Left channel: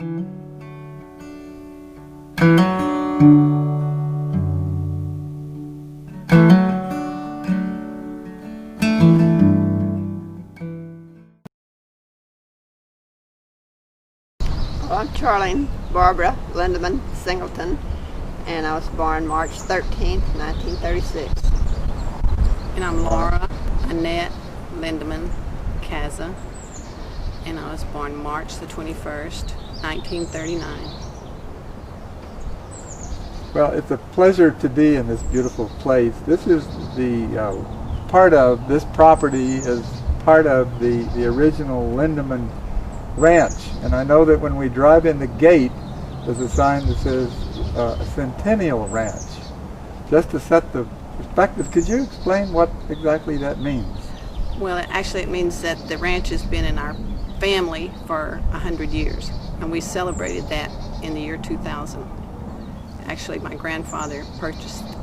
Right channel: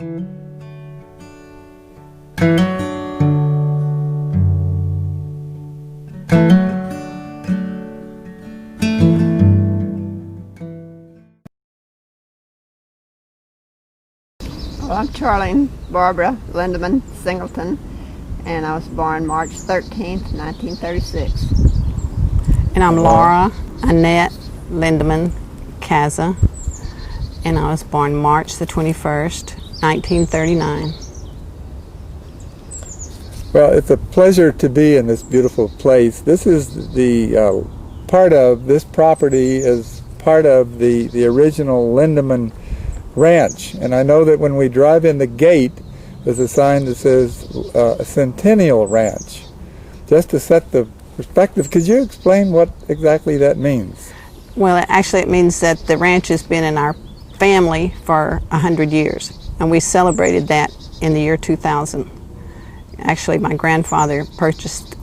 Well, I'm Charlene Barbara Lindeman Singleton, and I was born March 13th, 1936. And I'm Laura Annette Lindeman Caza, and I was born March the 21st, 1939. Well, it's a pleasure to be in this beautiful place. This is the part of this property is part of the original Lindeman Ranch, and I know that when we drive in the gate, there's a sign that says Centennial Ranch. Just to set the perspective, could you explain what exactly that means? Well, actually, it means that the ranch has been in our family for 100 years, and we celebrated that in the year 2000. Actually, my grandfather purchased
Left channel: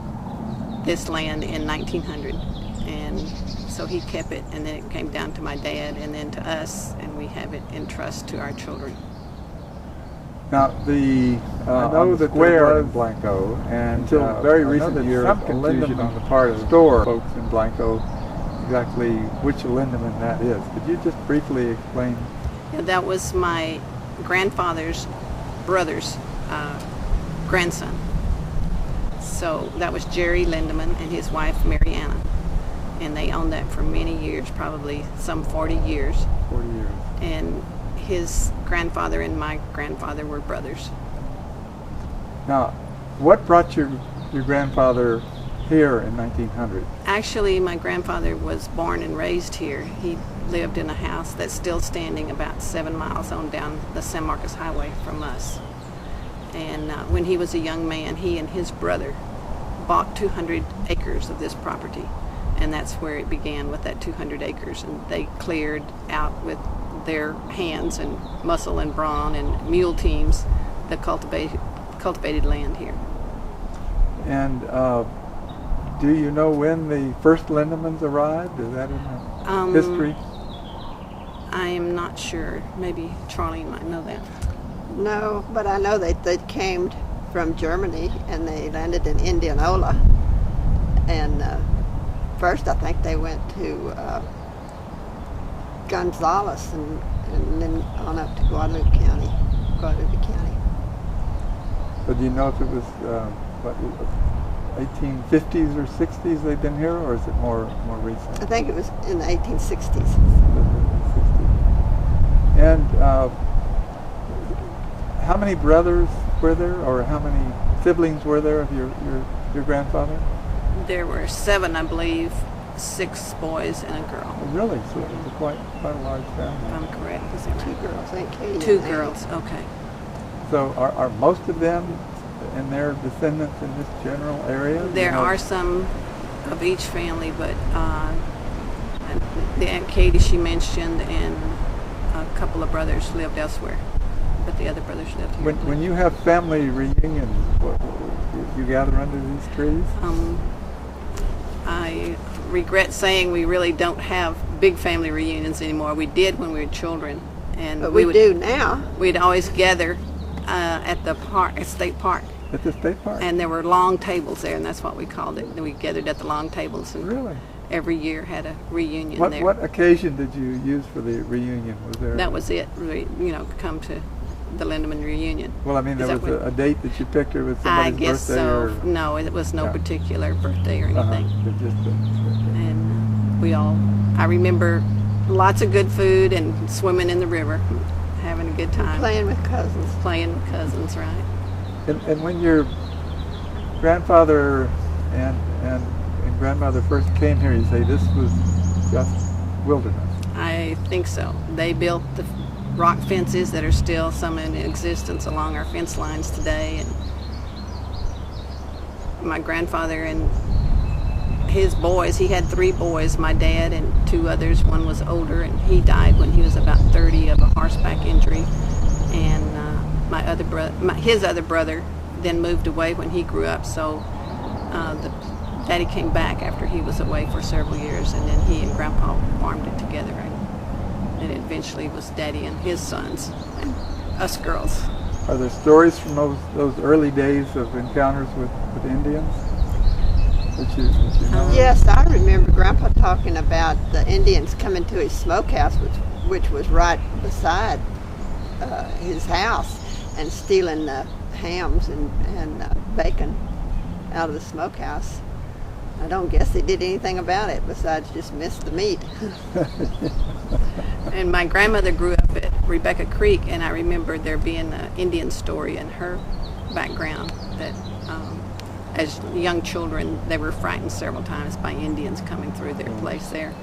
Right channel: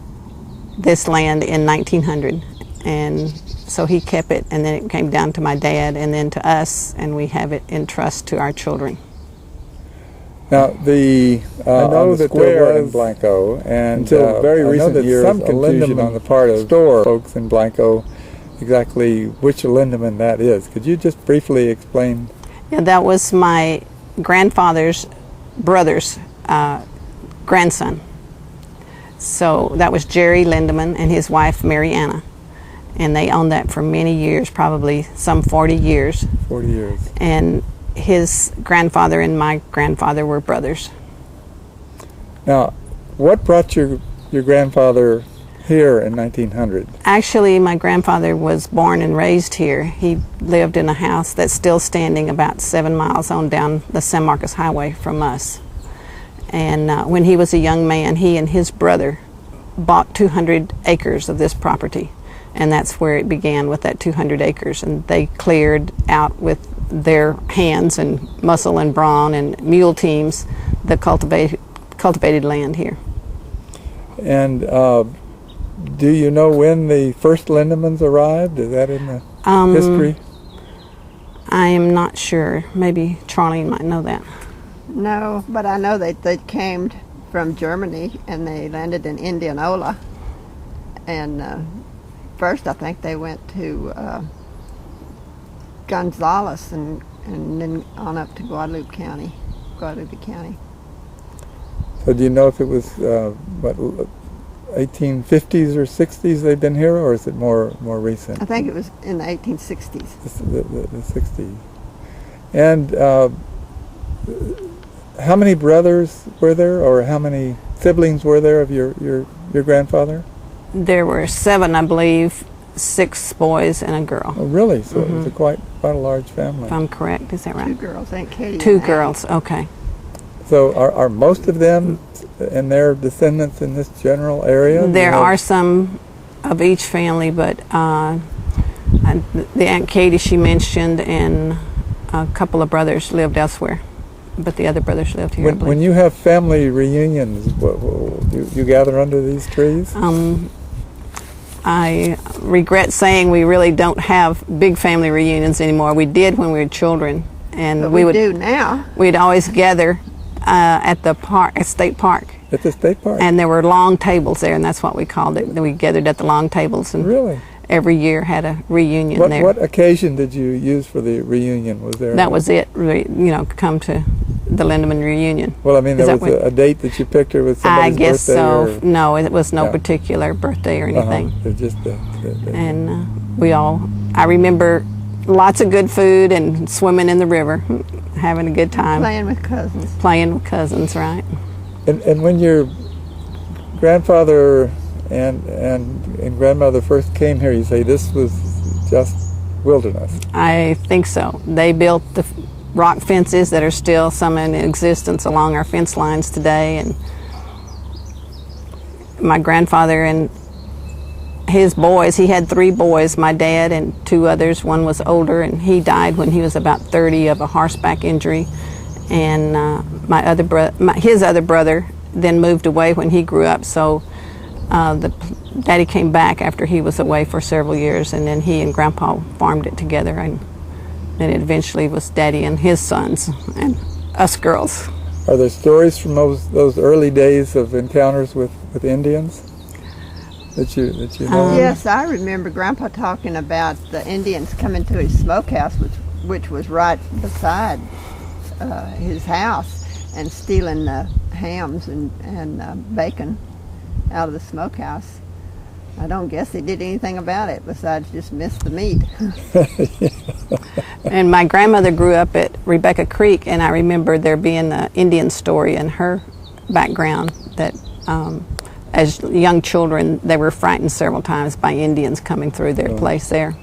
this land in 1900, and so he kept it, and then it came down to my dad and then to us, and we have it in trust to our children. Now, I know that there was in Blanco, and until very recent years, some confusion on the part of store folks in Blanco exactly which Lindeman that is. Could you just briefly explain? Yeah, that was my grandfather's brother's grandson. So that was Jerry Lindeman and his wife Mary Anna. And they owned that for many years, probably some 40 years. 40 years. And his grandfather and my grandfather were brothers. Now, what brought your grandfather here in 1900? Actually, my grandfather was born and raised here. He lived in a house that's still standing about 7 miles on down the San Marcos Highway from us. And when he was a young man, he and his brother bought 200 acres of this property. And that's where it began, with that 200 acres. And they cleared out with their hands and muscle and brawn and mule teams the cultivated land here. And do you know when the first Lindemans arrived? Is that in the history? I am not sure. Maybe Charlene might know that. No, but I know they came from Germany and they landed in Indianola. And first I think they went to Gonzales and then on up to Guadalupe County. So do you know if it was 1850s or 60s they've been here, or is it more recent? I think it was in the 1860s. The 60s. And how many brothers were there, or how many siblings were there of your grandfather? There were 7, I believe, 6 boys and a girl. Oh, really? So it was quite a large family. If I'm correct, is that right? 2 girls, Aunt Katie. 2 girls, okay. So are most of them and their descendants in this general area? There are some of each family, but the Aunt Katie she mentioned and a couple of brothers lived elsewhere, but the other brothers lived here. When you have family reunions, you gather under these trees? I regret saying we really don't have big family reunions anymore. We did when we were children, and but we do now. We'd always gather at the park, at State Park. At the State Park? And there were long tables there, and that's what we called it. We gathered at the long tables, and really? Every year had a reunion there. What occasion did you use for the reunion? Was there? That was it. Come to the Lindeman reunion. Well, I mean, there was a date that you picked, or was somebody's birthday? I guess so. Or? No, it was no particular birthday or anything. Just and I remember lots of good food and swimming in the river, having a good time. Playing with cousins. Playing with cousins, right. And when your grandfather and grandmother first came here, you say this was just wilderness? I think so. They built the rock fences that are still some in existence along our fence lines today, and my grandfather and his boys, he had 3 boys, my dad and 2 others. One was older, and he died when he was about 30 of a horseback injury, and his other brother then moved away when he grew up, so Daddy came back after he was away for several years, and then he and Grandpa farmed it together, and then it eventually was Daddy and his sons and us girls. Are there stories from those early days of encounters with Indians that you know? Yes, I remember Grandpa talking about the Indians coming to his smokehouse, which was right beside his house, and stealing the hams and bacon out of the smokehouse. I don't guess they did anything about it besides just miss the meat. And my grandmother grew up at Rebecca Creek, and I remember there being an Indian story in her background that as young children they were frightened several times by Indians coming through their place there.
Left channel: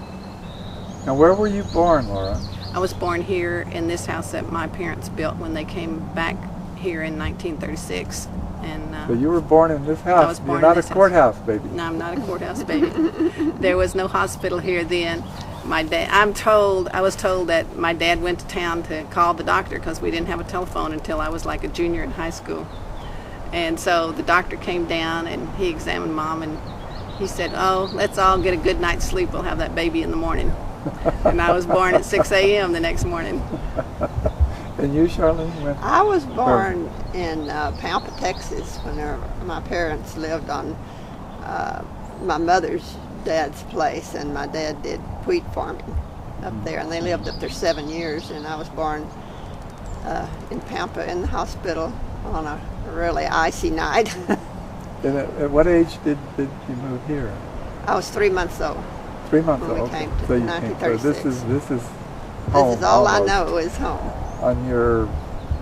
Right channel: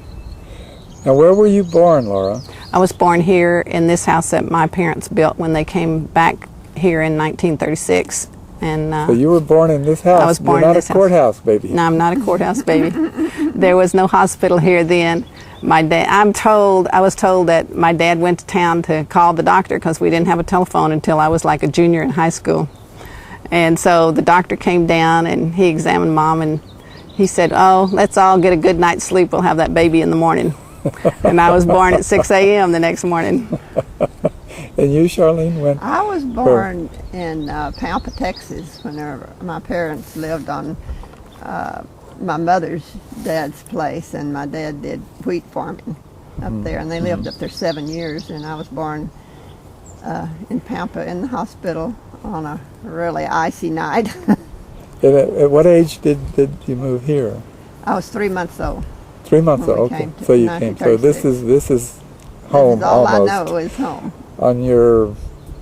Now, where were you born, Laura? I was born here in this house that my parents built when they came back here in 1936. And so you were born in this house. I was born You're not in this a courthouse baby. No, I'm not a courthouse baby. There was no hospital here then. My dad, I was told that my dad went to town to call the doctor because we didn't have a telephone until I was like a junior in high school. And so the doctor came down and he examined Mom and he said, "Oh, let's all get a good night's sleep. We'll have that baby in the morning." And I was born at 6 a.m. the next morning. And you, Charlene, when? I was born in Pampa, Texas, whenever my parents lived on my mother's dad's place, and my dad did wheat farming up there, and they lived up there 7 years, and I was born in Pampa in the hospital on a really icy night. At what age did you move here? I was 3 months old. 3 months when old. we Okay. came to So you came. So this is home. This is all almost. I know is home. On your,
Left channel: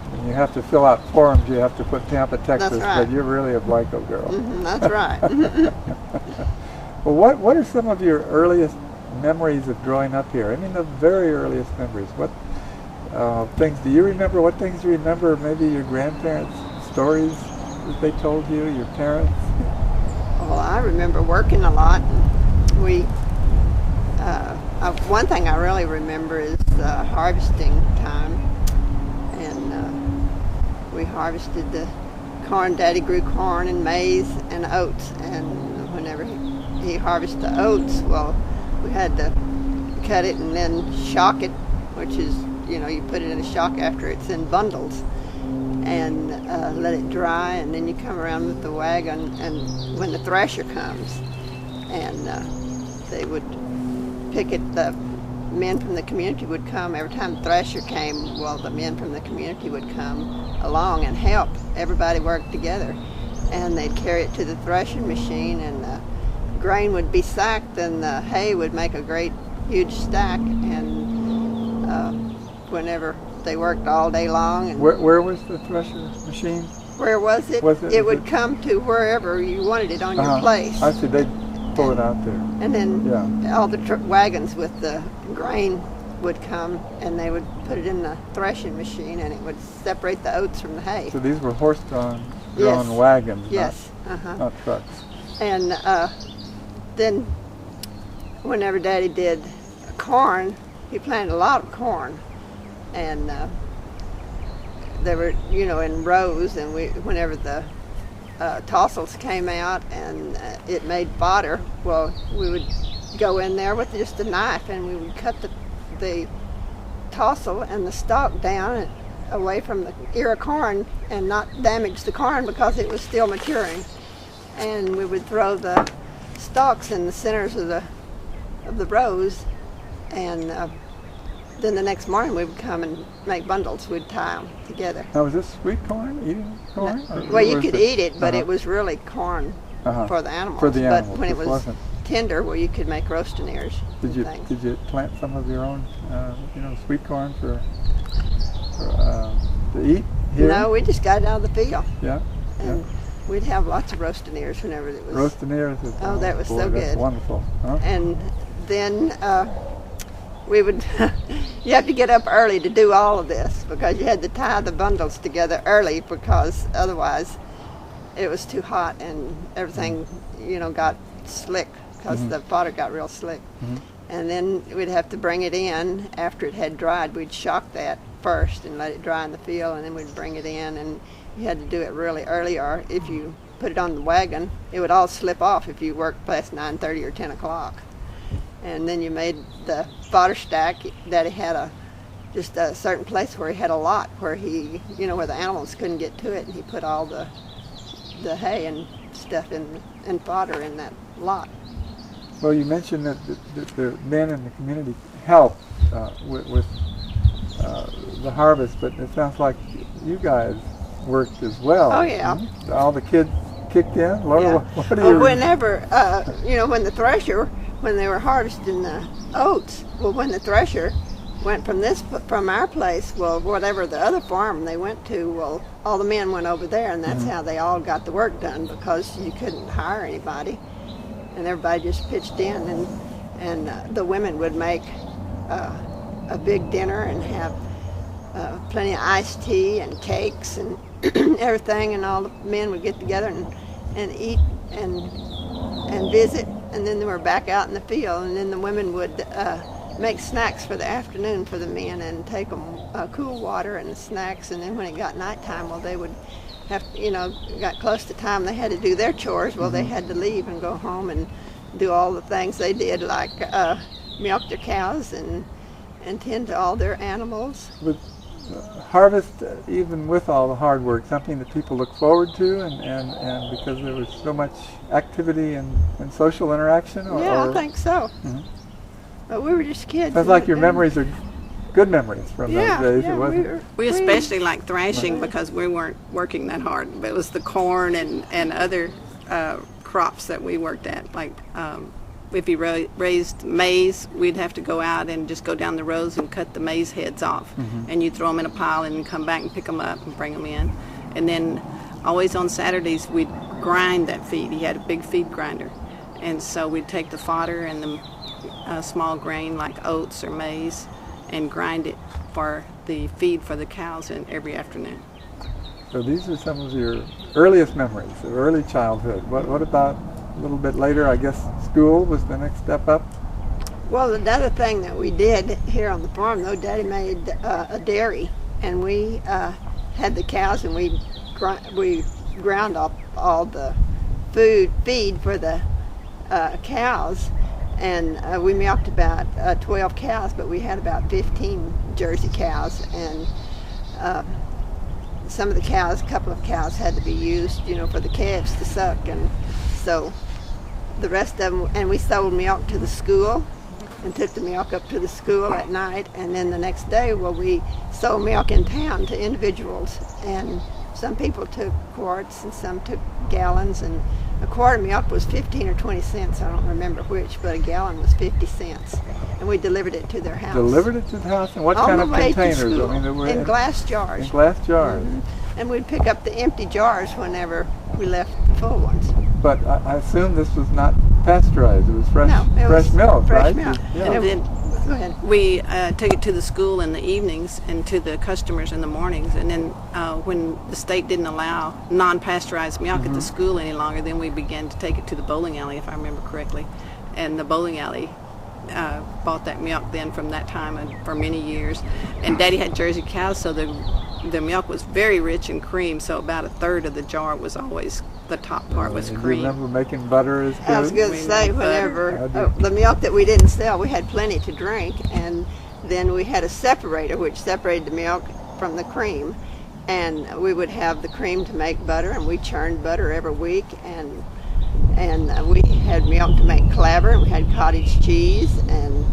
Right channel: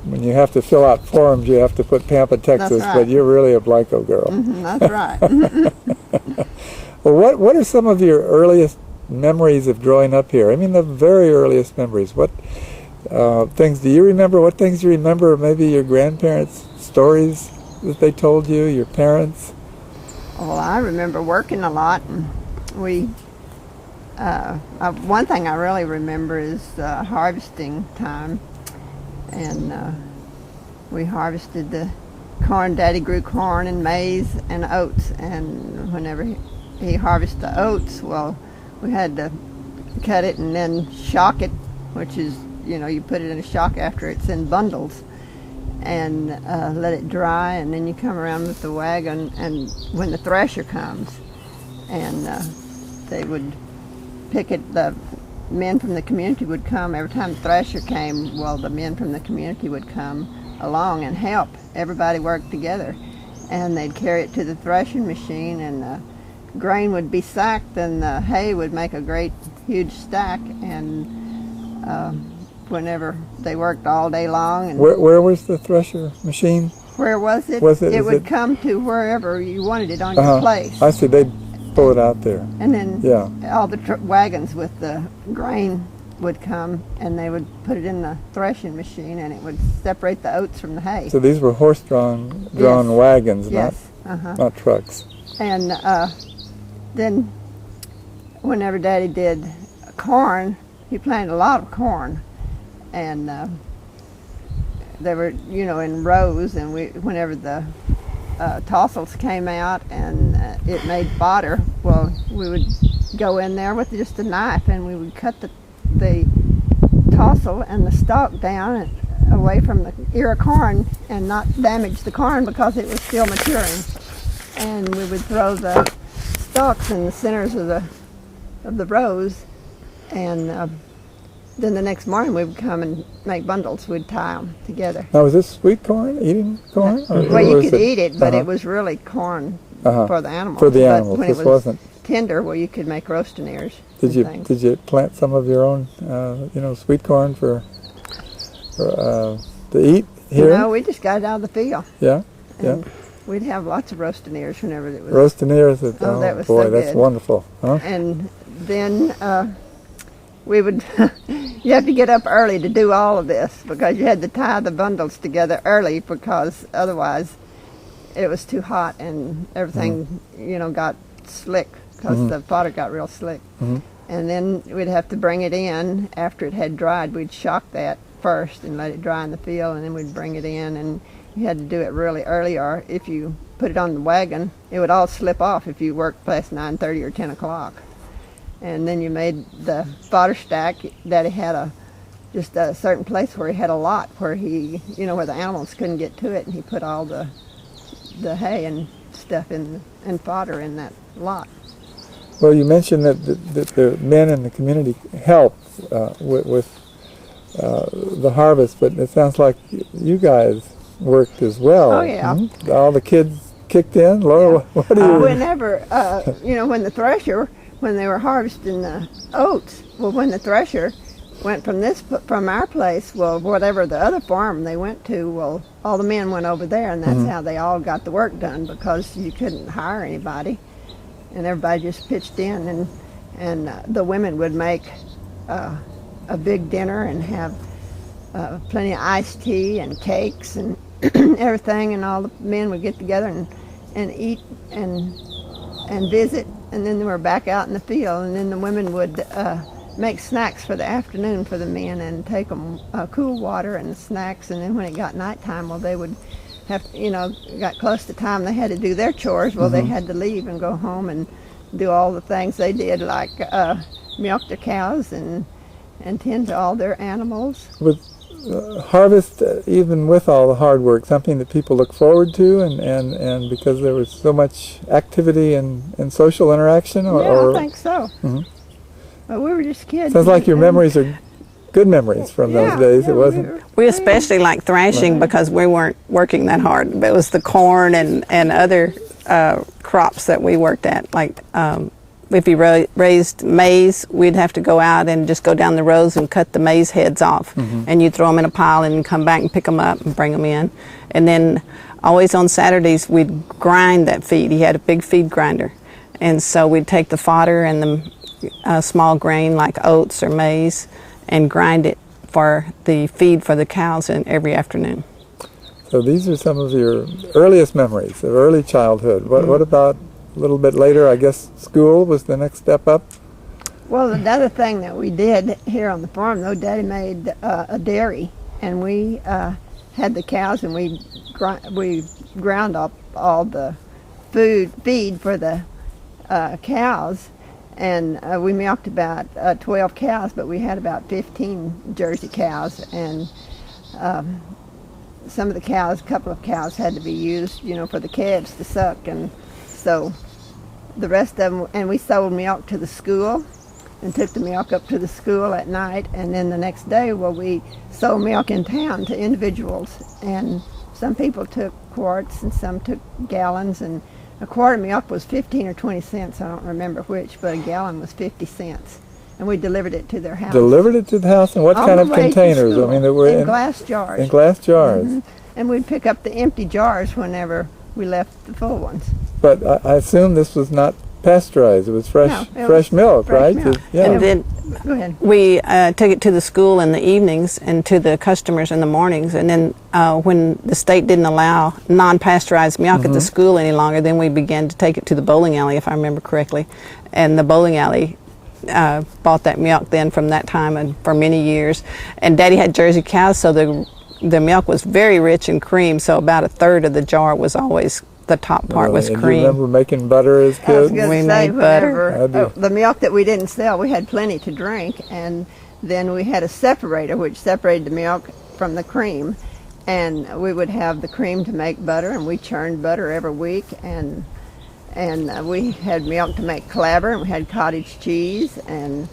when you have to fill out forms, you have to put Pampa, Texas, right. but you're really a Blanco girl. That's right. Well, what are some of your earliest memories of growing up here? I mean, the very earliest memories. What things do you remember? What things do you remember? Maybe your grandparents' stories that they told you, your parents? Well, I remember working a lot. And we, one thing I really remember is harvesting time. And we harvested the corn. Daddy grew corn and maize and oats. And whenever he harvested the oats, well, we had to cut it and then shock it, which is, you put it in a shock after it's in bundles, and let it dry, and then you come around with the wagon, and when the thresher comes, and they would pick it, the men from the community would come. Every time the thresher came, well, the men from the community would come along and help. Everybody worked together, and they'd carry it to the threshing machine, and the grain would be sacked, and the hay would make a great huge stack, and whenever they worked all day long. And where was the thresher machine? where was it? It would come to wherever you wanted it on your place. I see. They'd pull it out there. And then all the wagons with the grain would come, and they would put it in the threshing machine, and it would separate the oats from the hay. So these were horse-drawn Yes. wagons, Yes. not trucks. And then whenever Daddy did corn, he planted a lot of corn, and they were, in rows, and whenever the tossels came out and it made fodder, well, we would go in there with just a knife, and we would cut the tossel and the stalk down away from the ear of corn and not damage the corn because it was still maturing. And we would throw the stalks in the centers of the rows, and then the next morning we would come and make bundles. We'd tie them together. Now, was this sweet corn, eating corn? Well, you could eat it, but it was really corn for the animals. For the animals, but when this it was wasn't. tender, well, you could make roastiners. Did you plant some of your own, sweet corn for to eat here? No, we just got it out of the field. Yeah. And we'd have lots of roastiners whenever it was. Roastiners. Oh, that was boy, so that's good. wonderful. Huh? And then we would, you have to get up early to do all of this because you had to tie the bundles together early because otherwise it was too hot and everything, got slick because the fodder got real slick. And then we'd have to bring it in after it had dried. We'd shock that first and let it dry in the field, and then we'd bring it in, and you had to do it really early, or if you put it on the wagon, it would all slip off if you worked past 9:30 or 10 o'clock. And then you made the fodder stack. Daddy had a just a certain place where he had a lot where he, where the animals couldn't get to it, and he put all the hay and stuff and fodder in that lot. Well, you mentioned that the men in the community help with the harvest, but it sounds like you guys worked as well. Oh, yeah. Mm-hmm. All the kids kicked in? Laura, Yeah. what do you... Whenever, when the thresher, when they were harvesting the oats, well, when the thresher went from our place, well, whatever the other farm they went to, well, all the men went over there, and that's how they all got the work done, because you couldn't hire anybody, and everybody just pitched in, and the women would make a big dinner and have plenty of iced tea and cakes and everything, and all the men would get together and eat and visit, and then they were back out in the field, and then the women would make snacks for the afternoon for the men and take them cool water and snacks, and then when it got nighttime, well, they would have, got close to time they had to do their chores, well, they had to leave and go home and do all the things they did, like milk their cows and tend to all their animals. With harvest, even with all the hard work, something that people look forward to, and because there was so much activity and social interaction? I think so. But we were just kids. Sounds like your memories are good memories from those days. It wasn't. We especially like thrashing because we weren't working that hard. But it was the corn and other crops that we worked at. Like if you raised maize, we'd have to go out and just go down the rows and cut the maize heads off. And you'd throw them in a pile and come back and pick them up and bring them in. And then always on Saturdays, we'd grind that feed. He had a big feed grinder. And so we'd take the fodder and the small grain like oats or maize and grind it for the feed for the cows every afternoon. So these are some of your earliest memories of early childhood. What about a little bit later? I guess school was the next step up? Well, another thing that we did here on the farm, though, Daddy made a dairy, and we had the cows, and we ground up all the feed for the cows, and we milked about 12 cows, but we had about 15 Jersey cows, and some of the cows, a couple of cows had to be used, for the calves to suck, and so the rest of them, and we sold milk to the school and took the milk up to the school at night, and then the next day, well, we sold milk in town to individuals, and some people took quarts and some took gallons, and a quart of milk was 15 or 20 cents, I don't remember which, but a gallon was 50 cents. And we delivered it to their house. Delivered it to the house? And what All kind the of way to containers? school. I mean, they were in glass jars. In glass jars. And we'd pick up the empty jars whenever we left the full ones. But I assume this was not pasteurized. It was fresh, No, it fresh was milk, fresh right? milk. Yeah. And then Go ahead. we took it to the school in the evenings and to the customers in the mornings. And then when the state didn't allow non-pasteurized milk at the school any longer, then we began to take it to the bowling alley, if I remember correctly. And the bowling alley bought that milk then from that time and for many years. And Daddy had Jersey cows, so the milk was very rich in cream, so about a third of the jar was always, the top part was and cream. You remember making butter as I was kids? going We to say, made butter. whenever the milk that we didn't sell, we had plenty to drink, and then we had a separator which separated the milk from the cream, and we would have the cream to make butter, and we churned butter every week, and we had milk to make clabber, and we had cottage cheese, and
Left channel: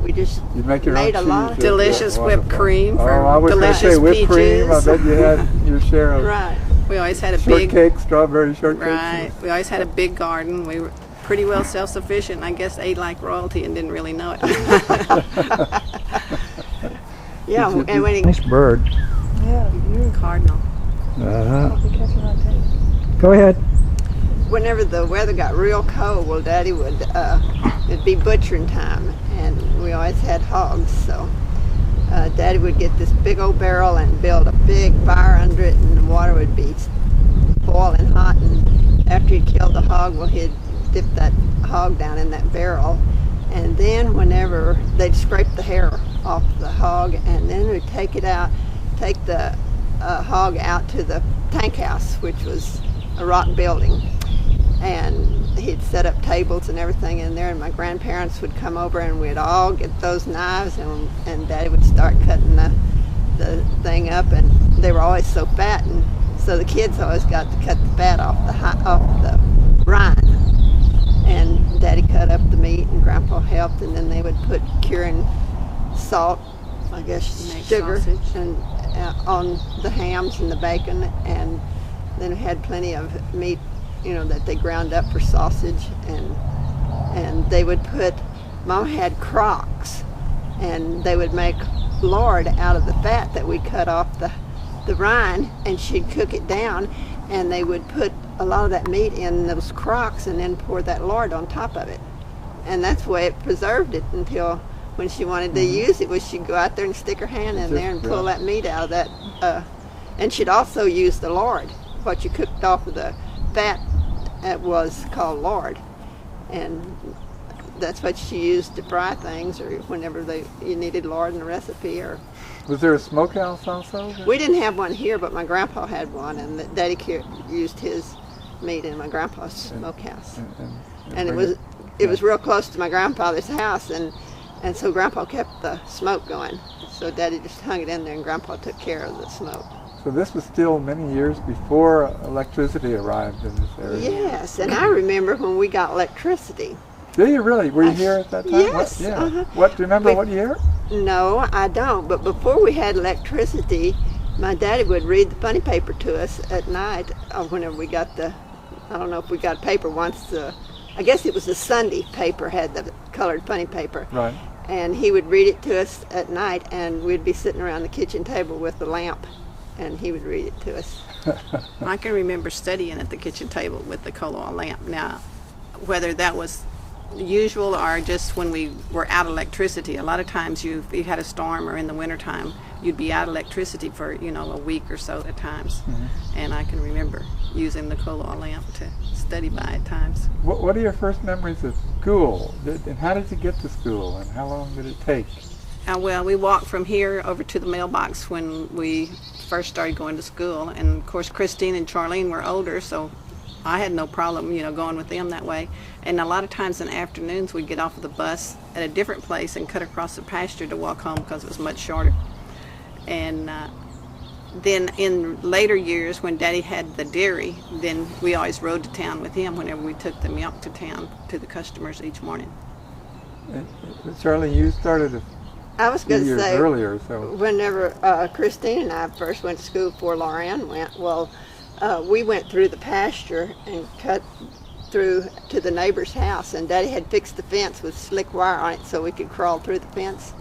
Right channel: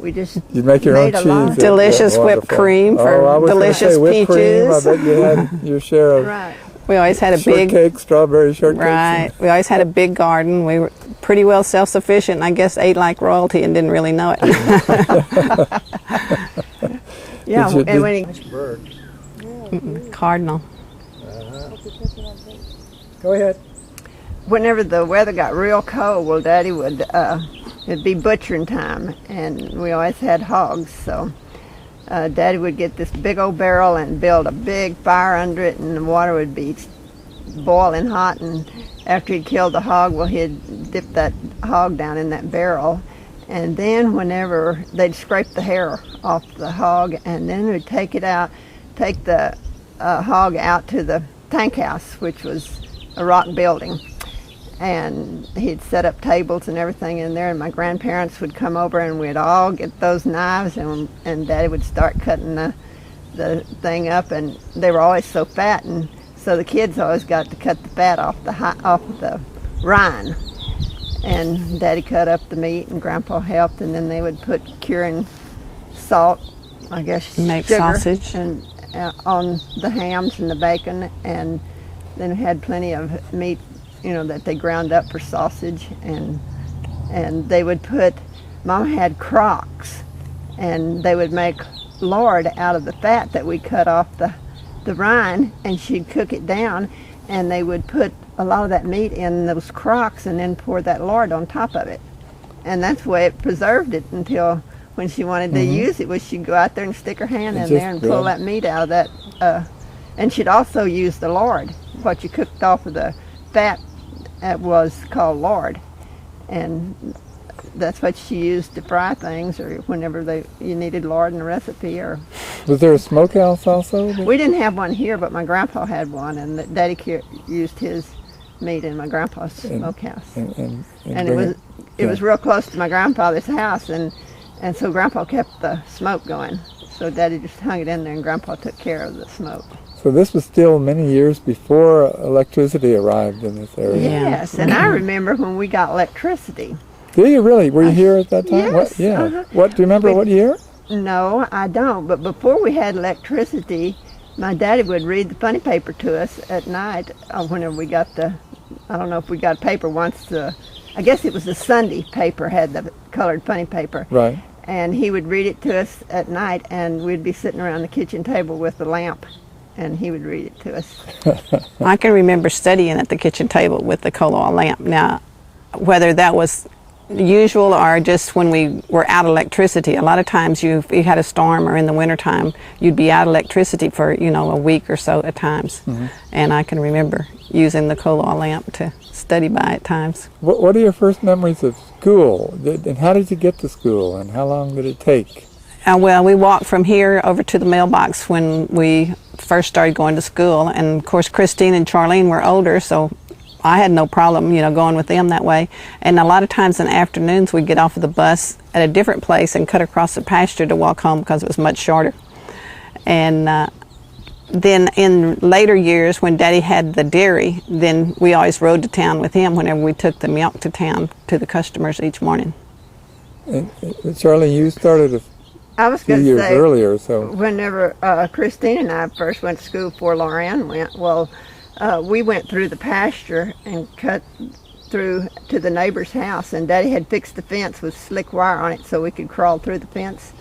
we just You'd make your own made a lot. cheese. Delicious whipped Wonderful. cream I for was gonna delicious say whipped cream. I peaches. bet you had your share of Right. We always had a big, shortcake, strawberry shortcake. right, we always had a big garden. We were pretty well self-sufficient, and I guess ate like royalty and didn't really know it. Yeah, Did you- and when he Nice bird. Cardinal. Go ahead. whenever the weather got real cold, well, Daddy would, it'd be butchering time, and we always had hogs, so Daddy would get this big old barrel and build a big fire under it, and the water would be boiling hot, and after he'd killed the hog, well, he'd dip that hog down in that barrel, and then whenever they'd scrape the hair off the hog, and then we'd take it out, take the hog out to the tank house, which was a rock building, and he'd set up tables and everything in there, and my grandparents would come over, and we'd all get those knives, and Daddy would start cutting the thing up, and they were always so fat, and so the kids always got to cut the fat off the rind. And Daddy cut up the meat, and Grandpa helped, and then they would put curing salt, I guess, Make sugar, sausage. and on the hams and the bacon, and then we had plenty of meat, that they ground up for sausage, and they would put. Mom had crocks, and they would make lard out of the fat that we cut off the rind, and she'd cook it down, and they would put a lot of that meat in those crocks and then pour that lard on top of it. And that's the way it preserved it until when she wanted to use it, she'd go out there and stick her hand in there and pull that meat out of that. And she'd also use the lard. What you cooked off of the fat was called lard. And that's what she used to fry things, or whenever you needed lard in a recipe. Or Was there a smokehouse also? we didn't have one here, but my grandpa had one, and Daddy used his meat in my grandpa's smokehouse. And it was real close to my grandfather's house, and so Grandpa kept the smoke going. So Daddy just hung it in there, and Grandpa took care of the smoke. So this was still many years before electricity arrived in this area. Yes, and I remember when we got electricity. Do you really? Were you here at that time? Yes. Yeah. Uh-huh. What? Do you remember what year? No, I don't. But before we had electricity, my daddy would read the funny paper to us at night. Whenever we got I don't know if we got paper once. I guess it was the Sunday paper had the colored funny paper. Right. And he would read it to us at night, and we'd be sitting around the kitchen table with the lamp, and he would read it to us. I can remember studying at the kitchen table with the coal oil lamp. Now, whether that was usual or just when we were out of electricity, a lot of times if you had a storm or in the wintertime, you'd be out of electricity for, a week or so at times. And I can remember using the coal oil lamp to study by at times. What are your first memories of school? And how did you get to school, and how long did it take? Well, we walked from here over to the mailbox when we first started going to school, and of course Christine and Charlene were older, so I had no problem, going with them that way. And a lot of times in the afternoons we'd get off of the bus at a different place and cut across the pasture to walk home because it was much shorter. And then in later years when Daddy had the dairy, then we always rode to town with him whenever we took the milk to town to the customers each morning. And, Charlie, you started I was few going to years say, earlier, so whenever Christine and I first went to school before Lauren went, we went through the pasture and cut through to the neighbor's house, and Daddy had fixed the fence with slick wire on it so we could crawl through the fence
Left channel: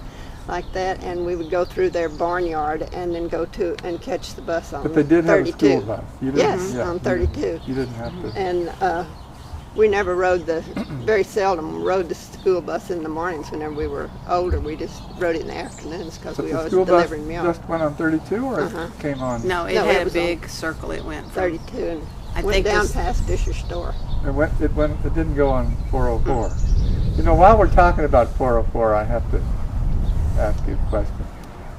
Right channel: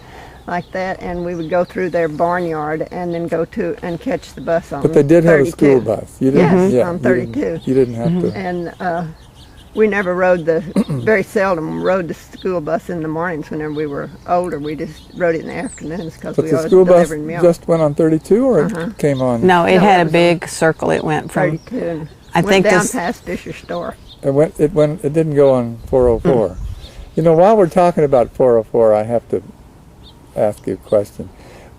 like that, and we would go through their barnyard and then go to and catch the bus on 32. But they did have a school bus. You didn't, Yes, on 32. You didn't have to. And we never very seldom rode the school bus in the mornings whenever we were older. We just rode it in the afternoons because But we the always school bus delivered milk. just went on 32, or it came on? No, it No, had it a was big circle. It went from 32 and I went think down this- past Fisher's store. It didn't go on 404. While we're talking about 404, I have to ask you a question.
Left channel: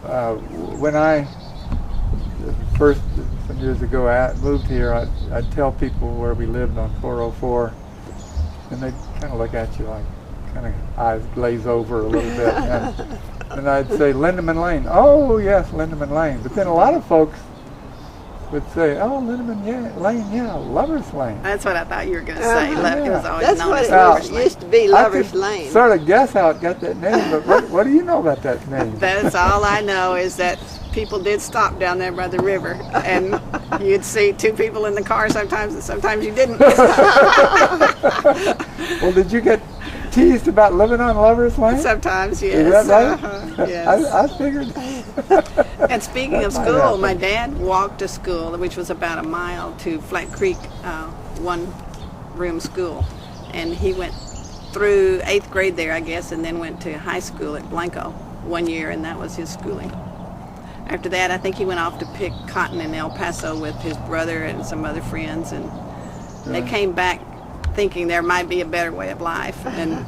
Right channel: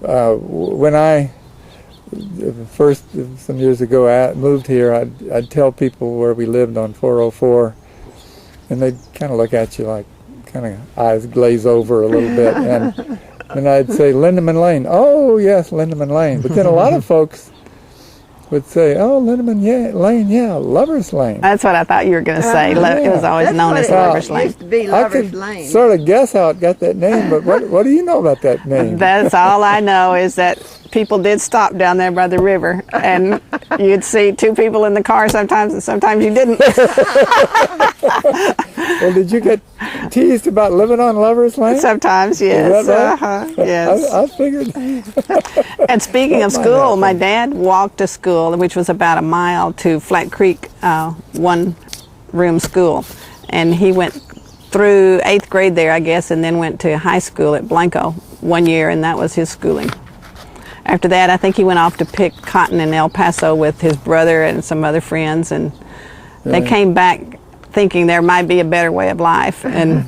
When I first, some years ago, moved here, I'd tell people where we lived on 404, and they'd kind of look at you like, kind of eyes glaze over a little bit, and I'd say Lindeman Lane. Oh yes, Lindeman Lane. But then a lot of folks would say, oh, Lindeman Lane, yeah, Lover's Lane. That's what I thought you were going to say. Yeah. It was always That's known what as it Lover's It Lane. used to be I Lover's could Lane. sort of guess how it got that name, but what do you know about that name? That's all I know is that people did stop down there by the river, and you'd see two people in the car sometimes, and sometimes you didn't. Well, did you get teased about living on Lover's Lane? Sometimes, Is yes. that right? Yes. I figured. And speaking of school, my dad walked to school, which was about a mile to Flat Creek, one-room school. And he went through 8th grade there, I guess, and then went to high school at Blanco 1 year, and that was his schooling. After that, I think he went off to pick cotton in El Paso with his brother and some other friends, and they came back thinking there might be a better way of life. And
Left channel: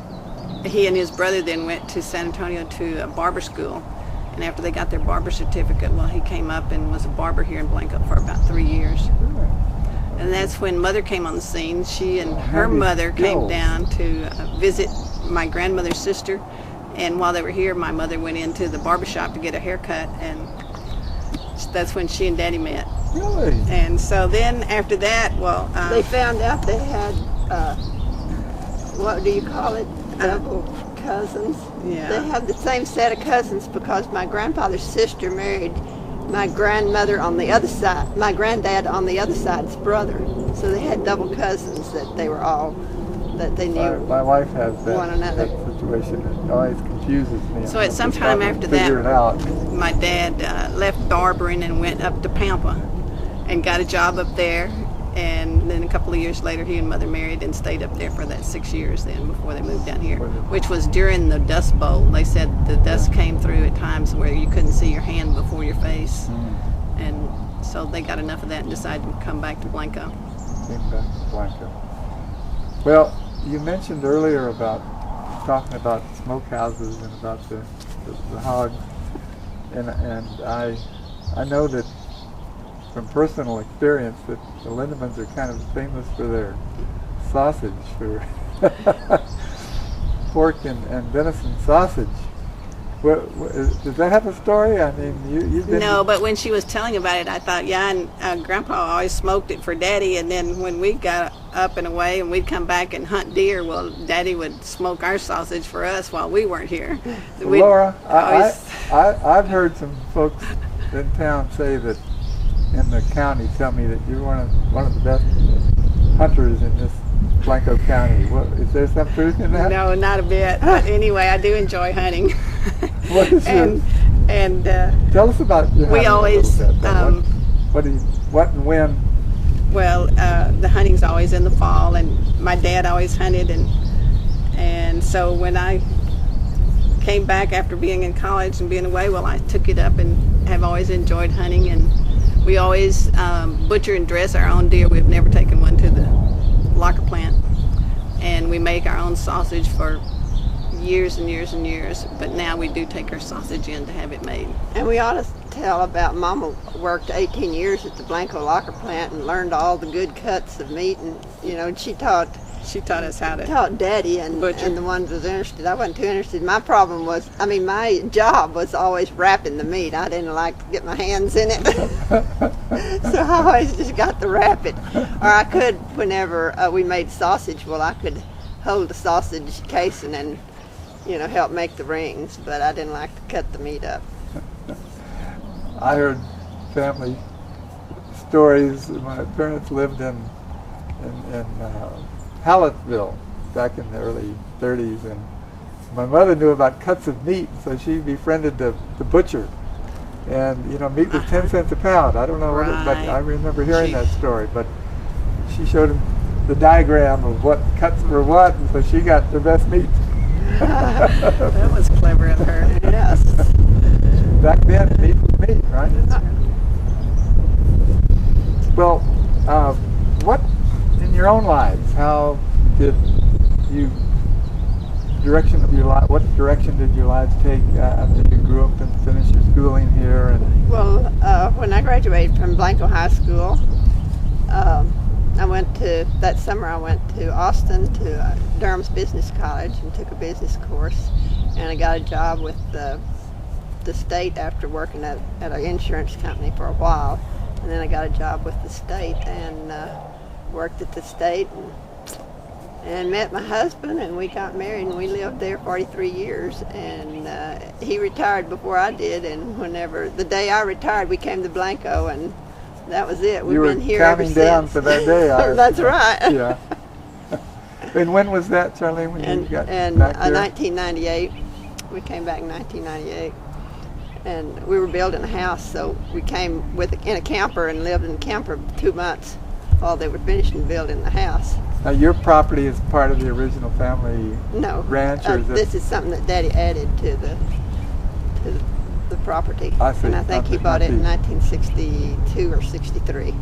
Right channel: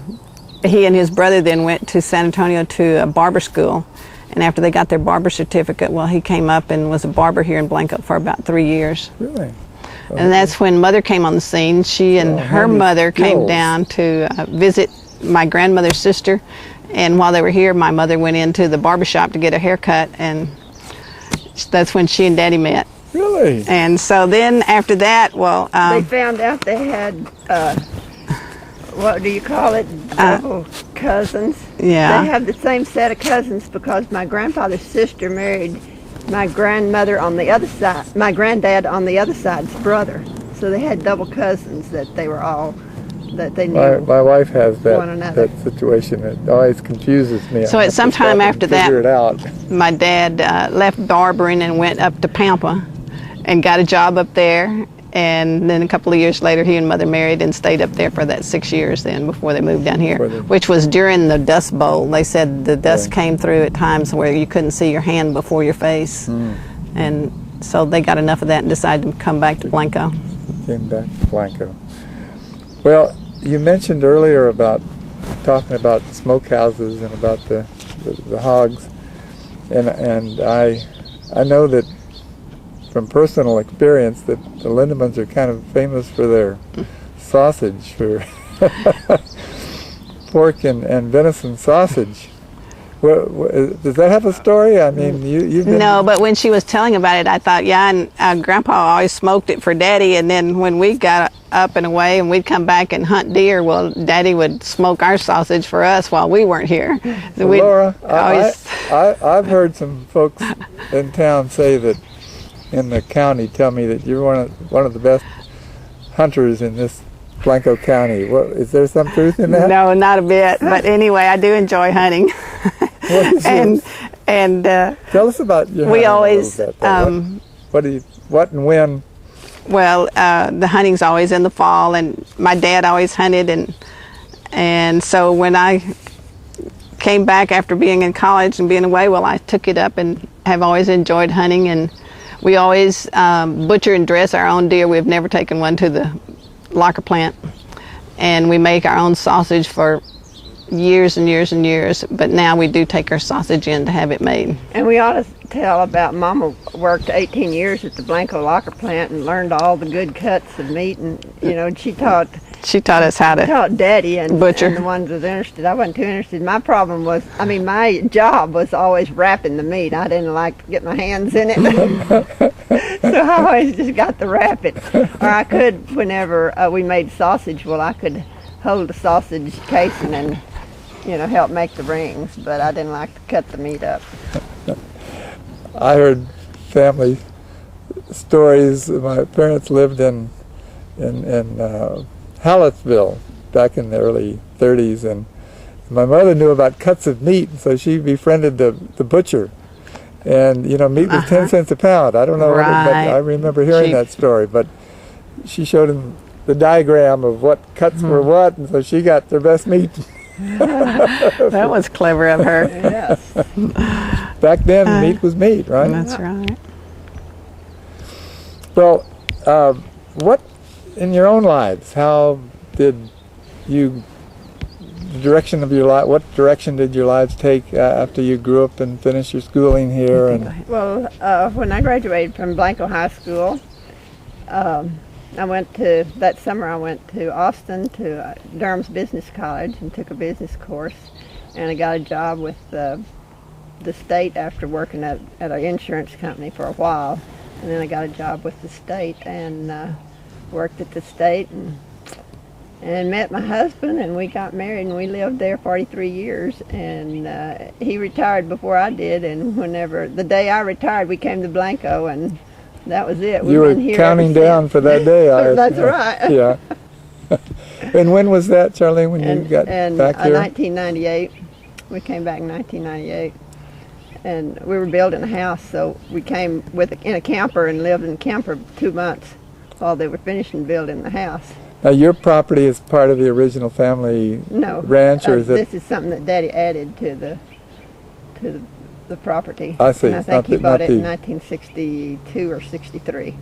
he and his brother then went to San Antonio to a barber school. And after they got their barber certificate, he came up and was a barber here in Blanco for about 3 years. Really? And that's when Mother came on the scene. She and her mother came down to visit my grandmother's sister. And while they were here, my mother went into the barbershop to get a haircut, and that's when she and Daddy met. Really? And so then after that, well... they found out they had, what do you call it, double cousins. Yeah. They had the same set of cousins because my grandfather's sister married my grandmother on the other side, my granddad on the other side's brother. So they had double cousins that they were all, that they knew. My wife has one another. that situation. It always confuses me. So at some time after that, figure it out. my dad left barbering and went up to Pampa and got a job up there. And then a couple of years later, he and Mother married and stayed up there for that 6 years then before they moved down here, which was during the Dust Bowl. They said the dust came through at times where you couldn't see your hand before your face. And so they got enough of that and decided to come back to Blanco. Came back to Blanco. Well, you mentioned earlier about talking about smokehouses and about the hogs, and I know that from personal experience that the Lindemans are kind of famous for their sausage, for pork and venison sausage. Does that have a story? I mean, you've been... No, but when she was telling about it, I thought, yeah, and Grandpa always smoked it for Daddy, and then when we got up and away and we'd come back and hunt deer, well, Daddy would smoke our sausage for us while we weren't here. So Laura, I've heard some folks in town say that, in the county, tell me that you're one of the best hunters in this Blanco County. What, is there some truth in that? No, not a bit. But anyway, I do enjoy hunting. and tell us about your we hunting always what and when. Well, the hunting's always in the fall, and my dad always hunted, and so when I came back after being in college and being away, well, I took it up and have always enjoyed hunting. And we always butcher and dress our own deer. We've never taken one to the locker plant, and we make our own sausage for years and years and years, but now we do take our sausage in to have it made. And we ought to tell about Mama worked 18 years at the Blanco locker plant and learned all the good cuts of meat, and she taught us how to taught Daddy and butcher. And the ones that was interested. I wasn't too interested. My problem was, my job was always wrapping the meat. I didn't like to get my hands in it. So I always just got to wrap it. Or I could, whenever we made sausage, I could hold the sausage casing and help make the rings, but I didn't like to cut the meat up. I heard family stories. My parents lived in Hallettsville back in the early 30s, and my mother knew about cuts of meat, so she befriended the butcher. And meat was 10 cents a pound. I don't know what but I remember hearing that story, but she showed him the diagram of what cuts were what, and so she got the best meat. That was clever of her. Yes. Back then, meat was meat, right? That's right. Well, what in your own lives? How did the direction of your life? What direction did your lives take after you grew up and finished your schooling here? And well, when I graduated from Blanco High School, that summer I went to Austin to Durham's Business College and took a business course, and I got a job with the state after working at an insurance company for a while, and then I got a job with the state and worked at the state and met my husband, and we got married, and we lived there 43 years, and he retired before I did, and the day I retired, we came to Blanco, and that was it. You were counting down for that day. That's right. Yeah. And when was that, Charlene, when you got back here? 1998. We came back in 1998. And we were building a house, so we came in a camper and lived in a camper 2 months while they were finishing building the house. Now, your property is part of the original family ranch, or is it? This is something that Daddy added to the property. I see. And I think he bought it in 1962 or 63.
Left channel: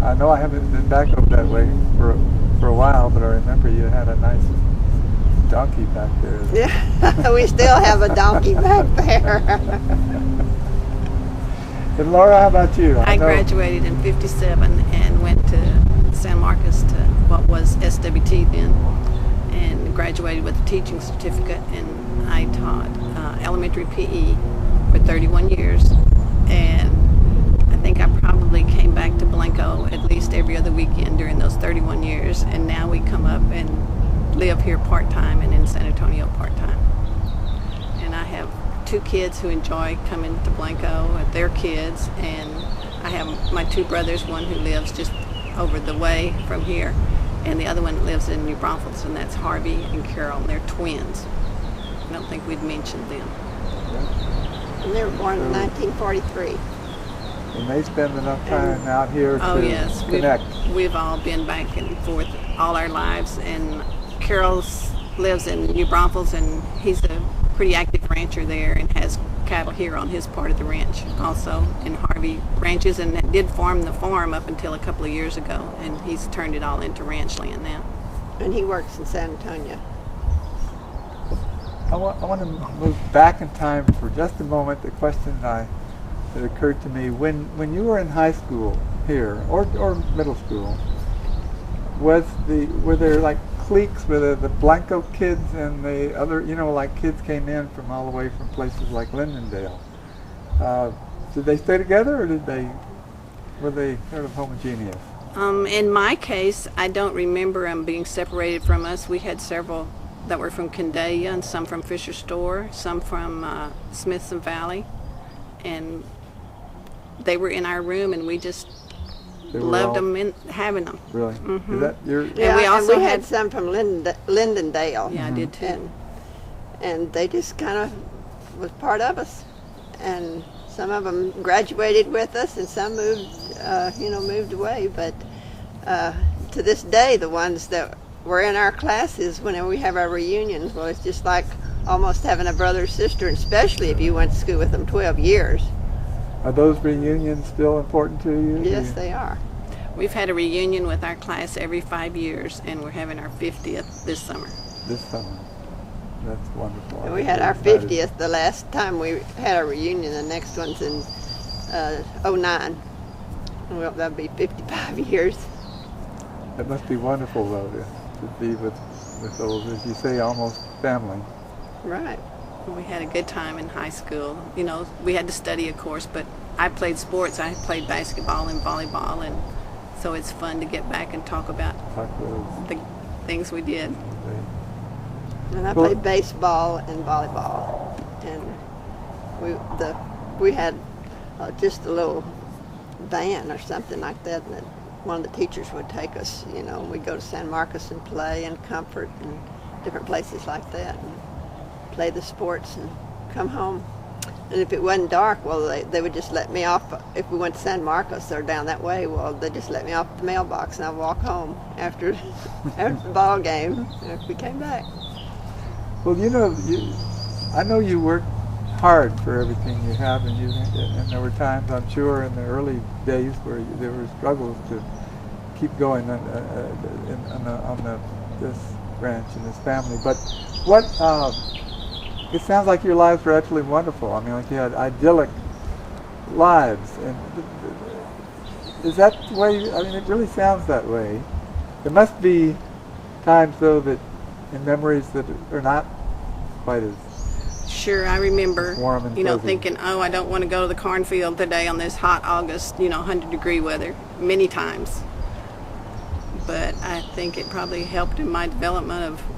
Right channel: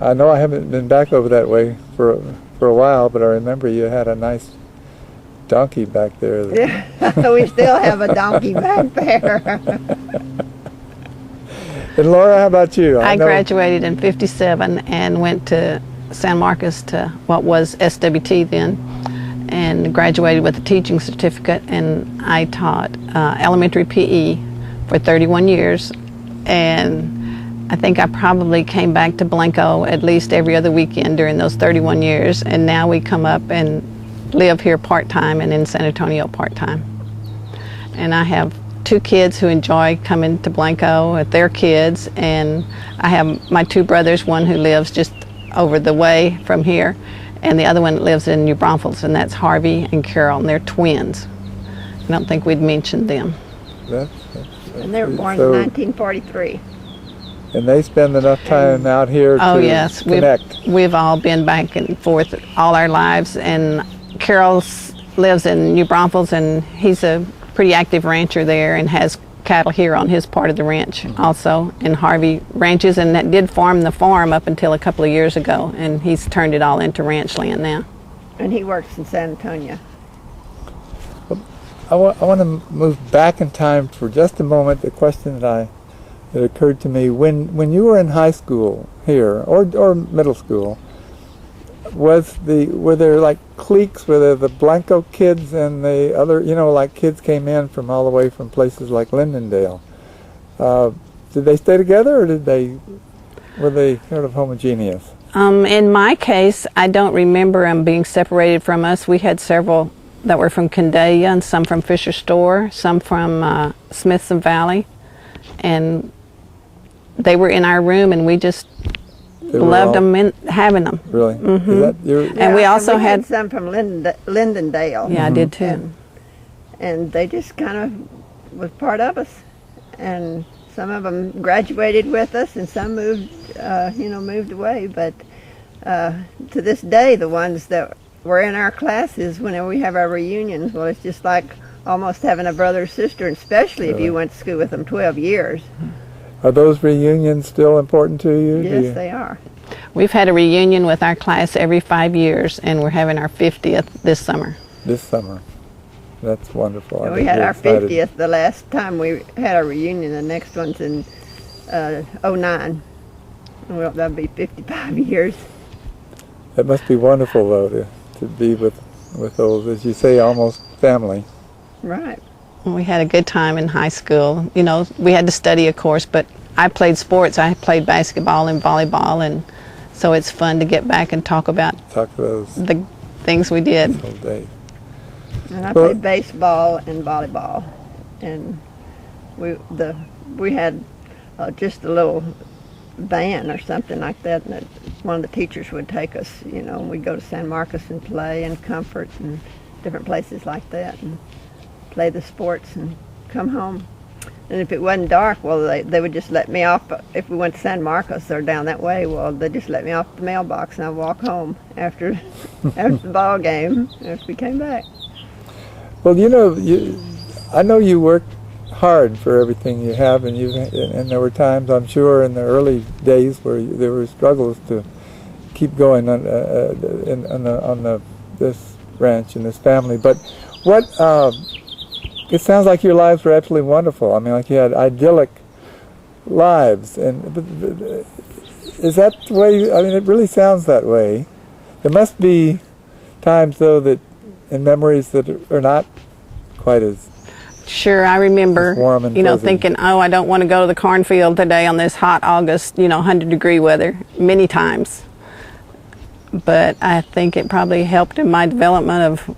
I know I haven't been back over that way for a while, but I remember you had a nice donkey back there. Yeah, we still have a donkey back there. And Laura, how about you? I know- graduated in '57 and went to San Marcos to what was SWT then, and graduated with a teaching certificate. And I taught elementary PE for 31 years, and I think I probably came back to Blanco at least every other weekend during those 31 years. And now we come up and live here part-time and in San Antonio part-time. And I have 2 kids who enjoy coming to Blanco with their kids, and I have my 2 brothers, one who lives just over the way from here, and the other one lives in New Braunfels, and that's Harvey and Carol, and they're twins. I don't think we'd mentioned them. And they were born So- in 1943. And they spend enough time out here Oh to yes, connect. we've all been back and forth all our lives, and Carol lives in New Braunfels, and he's a pretty active rancher there and has cattle here on his part of the ranch also. And Harvey ranches and that did farm the farm up until a couple of years ago, and he's turned it all into ranch land now. And he works in San Antonio. I want to move back in time for just a moment. The question that occurred to me when you were in high school here or middle school, were there like cliques? Were there the Blanco kids and the other, like kids came in from all the way from places like Lindendale? Did they stay together, or were they sort of homogeneous? In my case, I don't remember them being separated from us. We had several that were from Candelia, and some from Fisher Store, some from Smithson Valley, and they were in our room, and we just loved them having them. Really? Mm-hmm. Is that your, And we also had had some from Lindendale. Yeah, I did too. And they just kind of was part of us. And some of them graduated with us, and some moved away. But to this day, the ones that were in our classes, whenever we have our reunions, well, it's just like almost having a brother or sister, especially if you went to school with them 12 years. Are those reunions still important to you? Yes, they are. We've had a reunion with our class every 5 years, and we're having our 50th this summer. This summer. That's wonderful. And we had our 50th the last time we had our reunion. The next one's in '09. Well, that'll be 55 years. It must be wonderful, though, to be with those, as you say, almost family. Right. We had a good time in high school. We had to study, of course, but I played sports. I played basketball and volleyball, and so it's fun to get back and talk about Those the things we did. days. And I played baseball and volleyball, and we had just a little van or something like that, and one of the teachers would take us, and we'd go to San Marcos and play, and Comfort and different places like that, and play the sports and come home. And if it wasn't dark, well, they would just let me off. If we went to San Marcos or down that way, well, they just let me off the mailbox, and I'd walk home after the ball game if we came back. Well, I know you worked hard for everything you have, and there were times, I'm sure, in the early days where there were struggles to keep going on this ranch and this family. But it sounds like your lives were absolutely wonderful. I mean, like you had idyllic lives, and is that the way? I mean, it really sounds that way. There must be times, though, and memories that are not quite as Sure, I remember, warm and fuzzy. thinking, oh, I don't want to go to the cornfield today on this hot August, 100-degree weather, many times. But I think it probably helped in my development of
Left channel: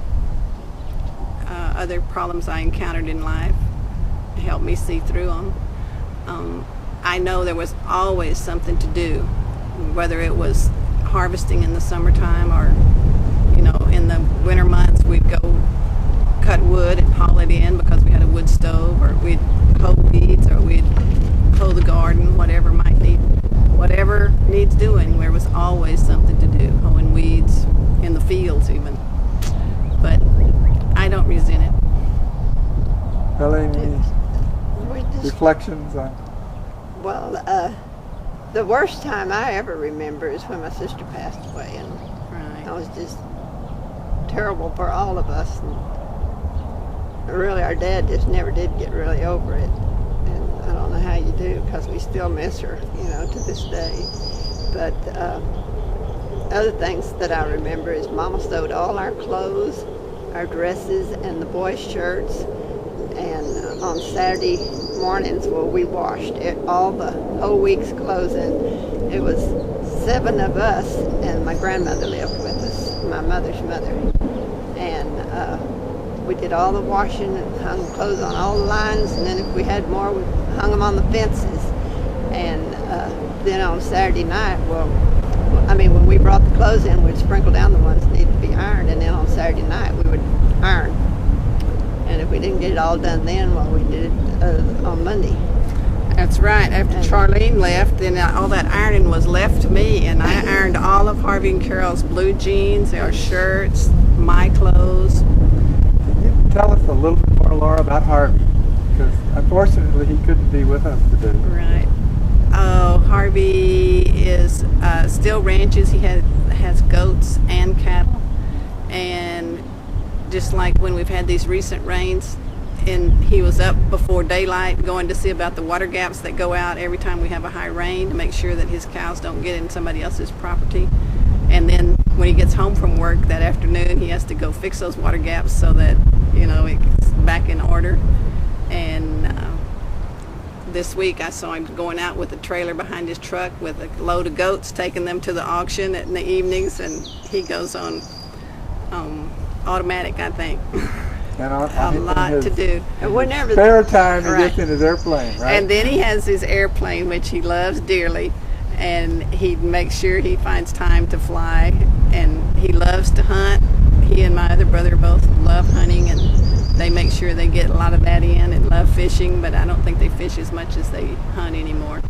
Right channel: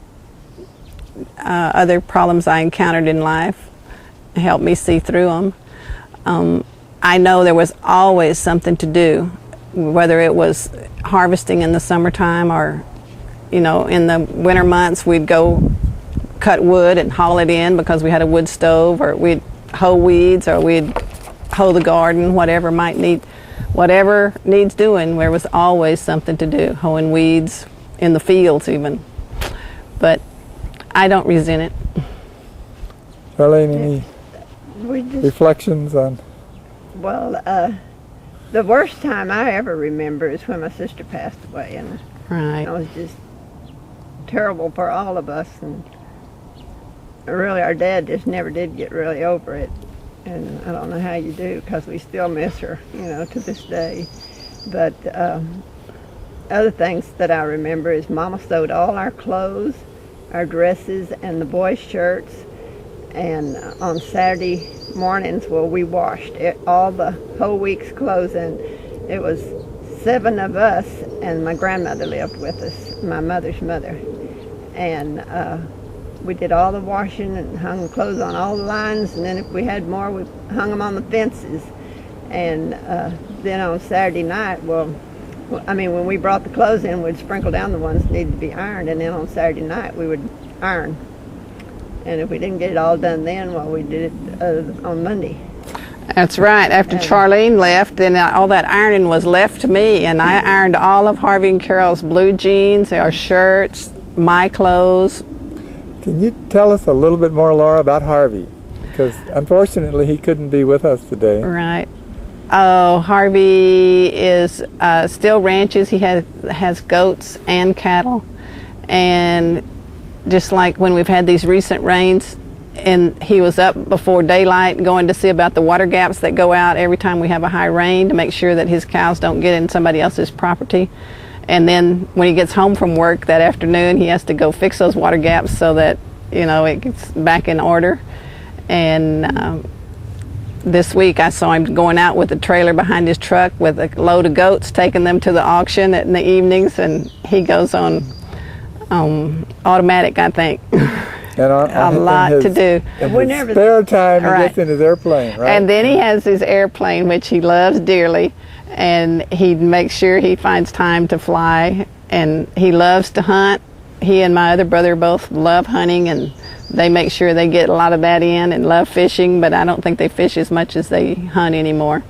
other problems I encountered in life. It helped me see through them. I know there was always something to do, whether it was harvesting in the summertime or, in the winter months we'd go cut wood and haul it in because we had a wood stove, or we'd hoe weeds, or we'd hoe the garden, whatever needs doing. There was always something to do, hoeing weeds in the fields even. But I don't resent it. Charlene, any reflections on? Well, the worst time I ever remember is when my sister passed away, and Right. it was just terrible for all of us. And really, our dad just never did get really over it. and I don't know how you do, because we still miss her, to this day. But other things that I remember is Mama sewed all our clothes, our dresses, and the boys' shirts. And on Saturday mornings, we washed all the whole week's clothes, and it was 7 of us, and my grandmother lived with us, my mother's mother. And we did all the washing and hung the clothes on all the lines, and then if we had more, we hung them on the fences. And then on Saturday night, when we brought the clothes in, we'd sprinkle down the ones that needed to be ironed, and then on Saturday night we would iron. And if we didn't get it all done then, we did it on Monday. That's right. After Charlene left, then all that ironing was left to me, and I ironed all of Harvey and Carol's blue jeans, our shirts, my clothes. Can you tell us a little bit more, Laura, about Harvey? Because unfortunately he couldn't be with us today. Right. Oh, Harvey is still ranches. He has goats and cattle, and just like when we've had these recent rains, and he was up before daylight going to see about the water gaps that go out every time we have a high rain to make sure that his cows don't get in somebody else's property. And then when he gets home from work that afternoon, he has to go fix those water gaps so that it gets back in order. And this week I saw him going out with a trailer behind his truck with a load of goats, taking them to the auction in the evenings, and he goes on automatic, I think. And a lot to do. Spare time he gets in his airplane, right? And then he has his airplane, which he loves dearly, and he makes sure he finds time to fly, and he loves to hunt. He and my other brother both love hunting, and they make sure they get a lot of that in, and love fishing, but I don't think they fish as much as they hunt anymore.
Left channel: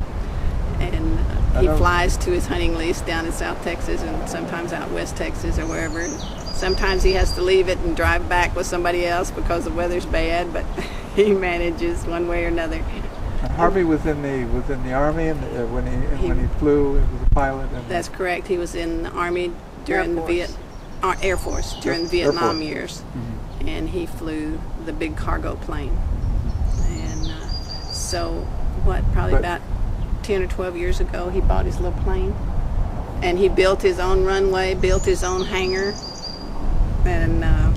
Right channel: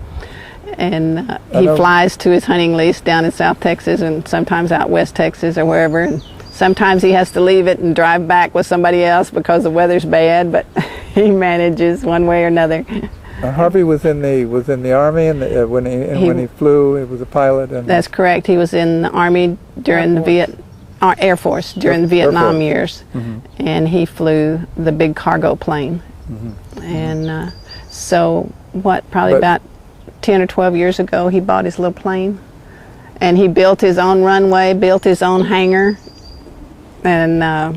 And he flies to his hunting lease down in South Texas and sometimes out West Texas or wherever. And sometimes he has to leave it and drive back with somebody else because the weather's bad, but he manages one way or another. Harvey was in the Army, and when he flew, it was a pilot. And that's correct. He was in the Army during the Air Force during the Vietnam years, and he flew the big cargo plane. And so, about 10 or 12 years ago, he bought his little plane, and he built his own runway, built his own hangar, and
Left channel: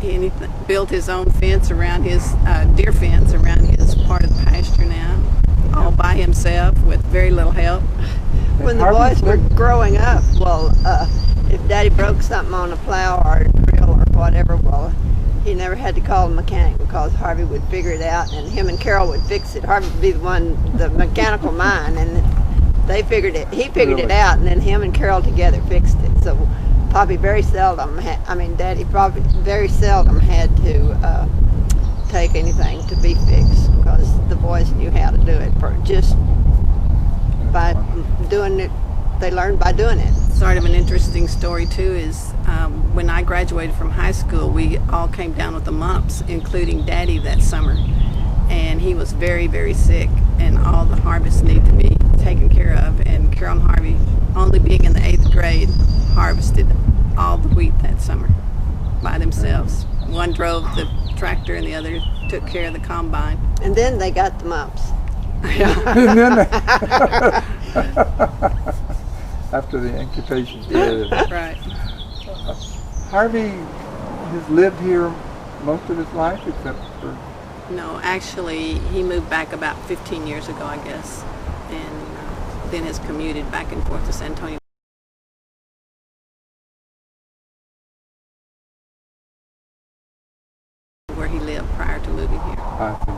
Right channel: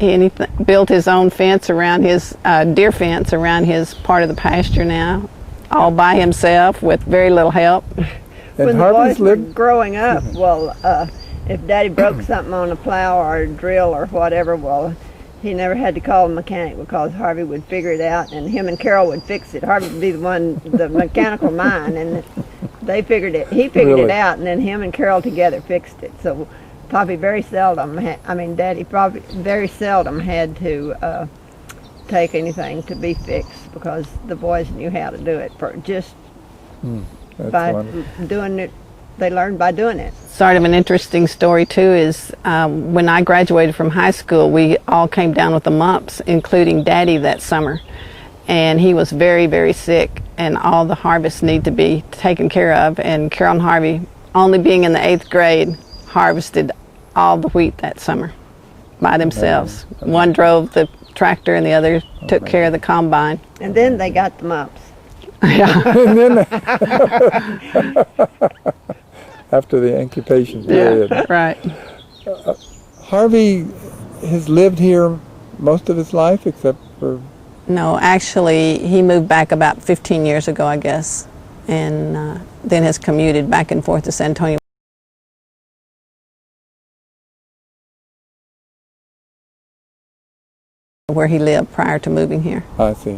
he built his own fence around his deer fence around his part of the pasture now, all by himself with very little help. When the boys were growing up, if Daddy broke something on a plow or a drill or whatever, he never had to call the mechanic because Harvey would figure it out, and him and Carol would fix it. Harvey would be the mechanical mind, and they figured it. He figured it out, and then him and Carol together fixed it. So Daddy probably very seldom had to take anything to be fixed because the boys knew how to do it by doing it. They learned by doing it. Sort of an interesting story too is when I graduated from high school, we all came down with the mumps, including Daddy that summer, and he was very, very sick, and all the harvests need to be taken care of. And Carol and Harvey, only being in the 8th grade, harvested all the wheat that summer by themselves. One drove the tractor, and the other took care of the combine. And then they got the mumps. After the incubation period. Right. Harvey has lived here most of his life, except for... No, actually, he moved back about 15 years ago, I guess, and then has commuted back and forth to San Antonio, where he lived prior to moving here. I see.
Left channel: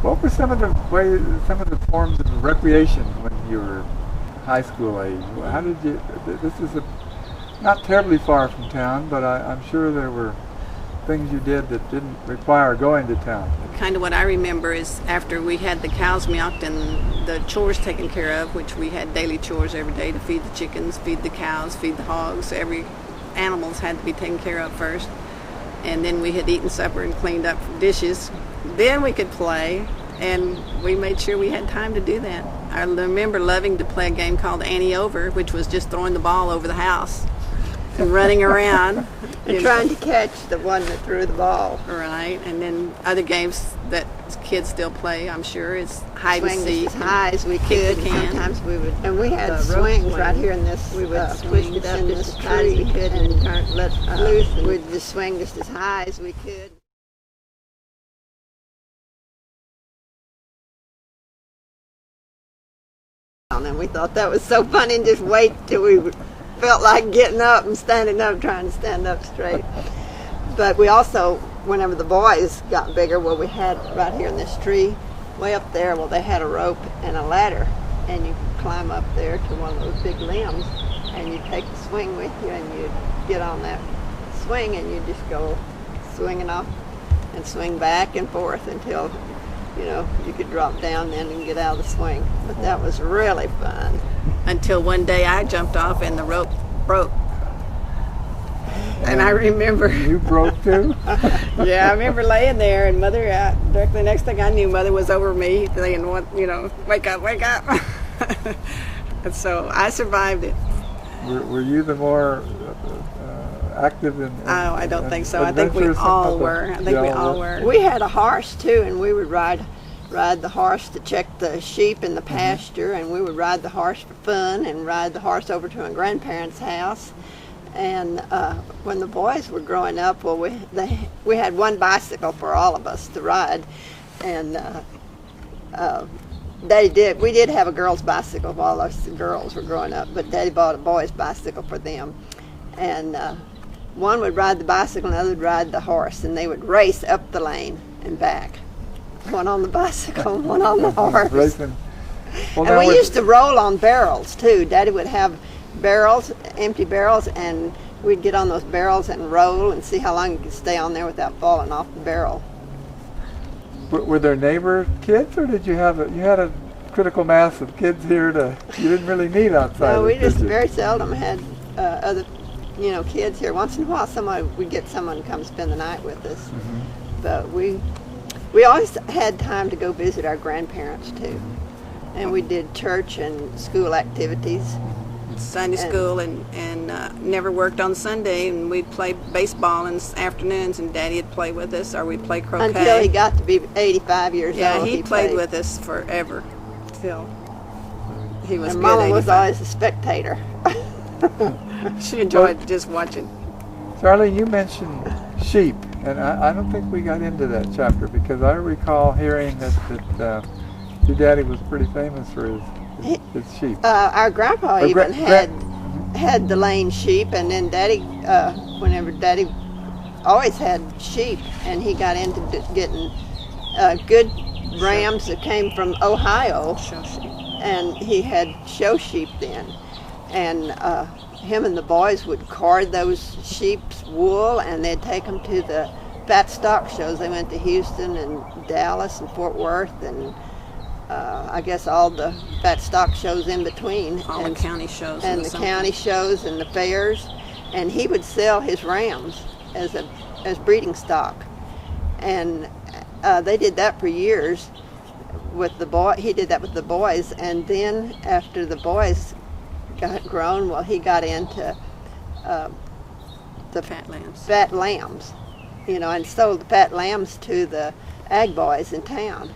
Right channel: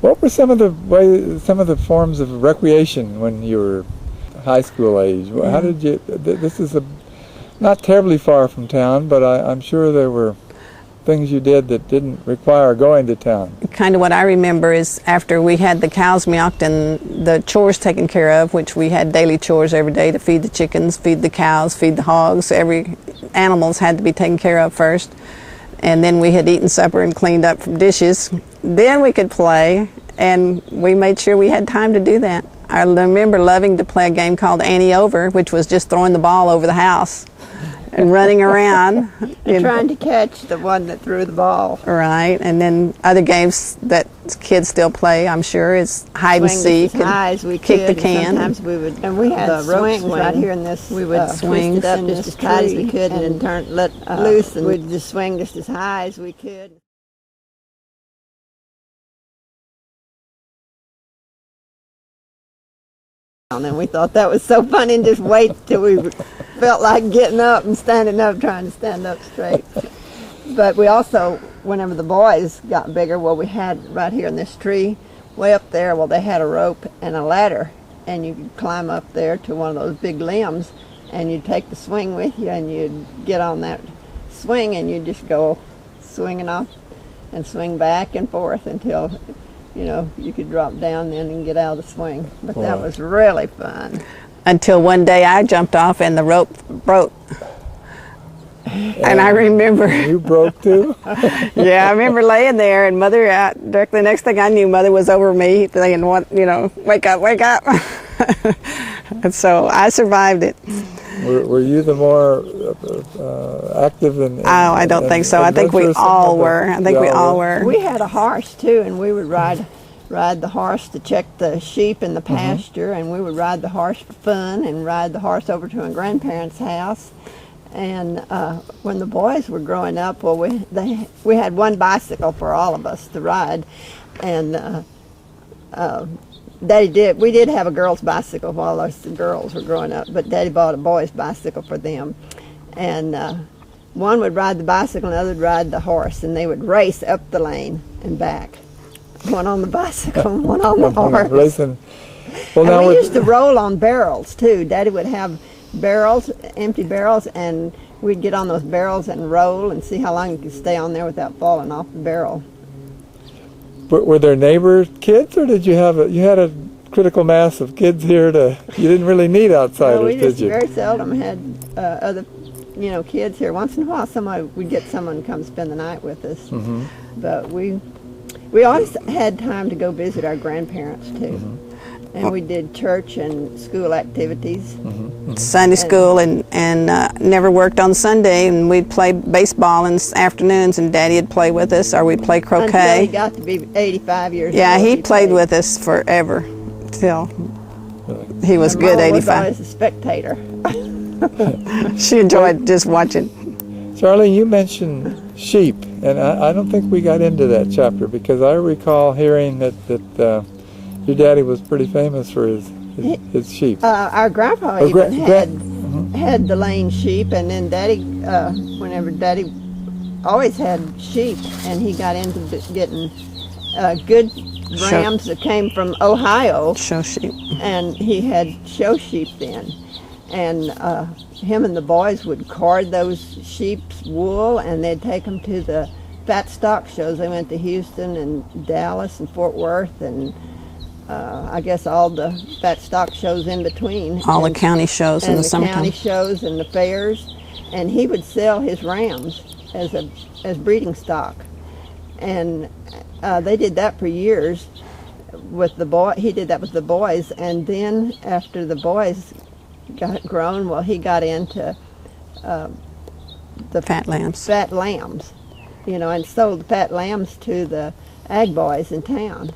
What were some of the forms of recreation when you were high school age? How did you? This is not terribly far from town, but I'm sure there were things you did that didn't require going to town. Kind of what I remember is after we had the cows milked and the chores taken care of, which we had daily chores every day to feed the chickens, feed the cows, feed the hogs. Every animals had to be taken care of first. And then we had eaten supper and cleaned up from dishes. Then we could play, and we made sure we had time to do that. I remember loving to play a game called Annie Over, which was just throwing the ball over the house. and running around. And trying to catch the one that threw the ball. Right, and then other games that kids still play, I'm sure, is hide and Swing seek. as high as we kick could. the can. Sometimes we would, and we had swings right here in this. We would swing twist it up from just this as tight as we tree could and turn let loose, and we'd just swing just as high as we could. And we thought that was so funny, and just wait till we felt like getting up and standing up, trying to stand up straight. But we also, whenever the boys got bigger, well, we had right here in this tree, way up there, well, they had a rope and a ladder, and you could climb up there to one of those big limbs, and you'd take the swing with you, and you'd get on that swing, and you'd just go swinging off and swing back and forth until, you know, you could drop down then and get out of the swing. But that was really fun. Until one day I jumped off and the rope broke. And I remember... You broke too? Yeah, I remember laying there, and Mother, the next thing I knew, Mother was over me saying, you know, wake up, wake up. And so I survived it. Were you the more active than? Oh, I don't think so. I think we all were. I think we all were. We had a horse too, and we would ride the horse to check the sheep in the pasture, and we would ride the horse for fun, and ride the horse over to my grandparents' house. And when the boys were growing up, well, we had one bicycle for all of us to ride, and we did have a girl's bicycle while us girls were growing up, but Daddy bought a boy's bicycle for them. And one would ride the bicycle and the other would ride the horse, and they would race up the lane and back. One on the bicycle, one on the horse. Racing. Well, and we used to roll on barrels too. Daddy would have barrels, empty barrels, and we'd get on those barrels and roll and see how long you could stay on there without falling off the barrel. Were there neighbor kids, or did you had a critical mass of kids here you didn't really need outsiders, No, we just did you? very seldom had other, kids here. Once in a while we'd get someone to come spend the night with us. Mm-hmm. But we always had time to go visit our grandparents too. And we did church and school activities. Sunday school and never worked on Sunday, and we'd play baseball in the afternoons, and Daddy would play with us, or we'd play croquet. Until he got to be 85 years old. Yeah, he played with us forever, till he was good, Mom 85. was always a spectator. She enjoyed just watching. Charlie, you mentioned sheep, and I don't think we got into that chapter, because I recall hearing that your daddy was pretty famous for his sheep. Our grandpa had the lane sheep, and then Daddy, whenever Daddy always had sheep, and he got into getting good rams that came from Ohio. Show sheep. And he had show sheep then. And him and the boys would card those sheep's wool, and they'd take them to the fat stock shows. They went to Houston and Dallas and Fort Worth, and I guess all the fat stock shows in between. All the county shows in the summertime. And the county shows and the fairs. And he would sell his rams as breeding stock. And they did that for years with the boy. He did that with the boys. And then after the boys got grown, well, he got into the fat lambs. Fat lambs, and sold the fat lambs to the ag boys in town.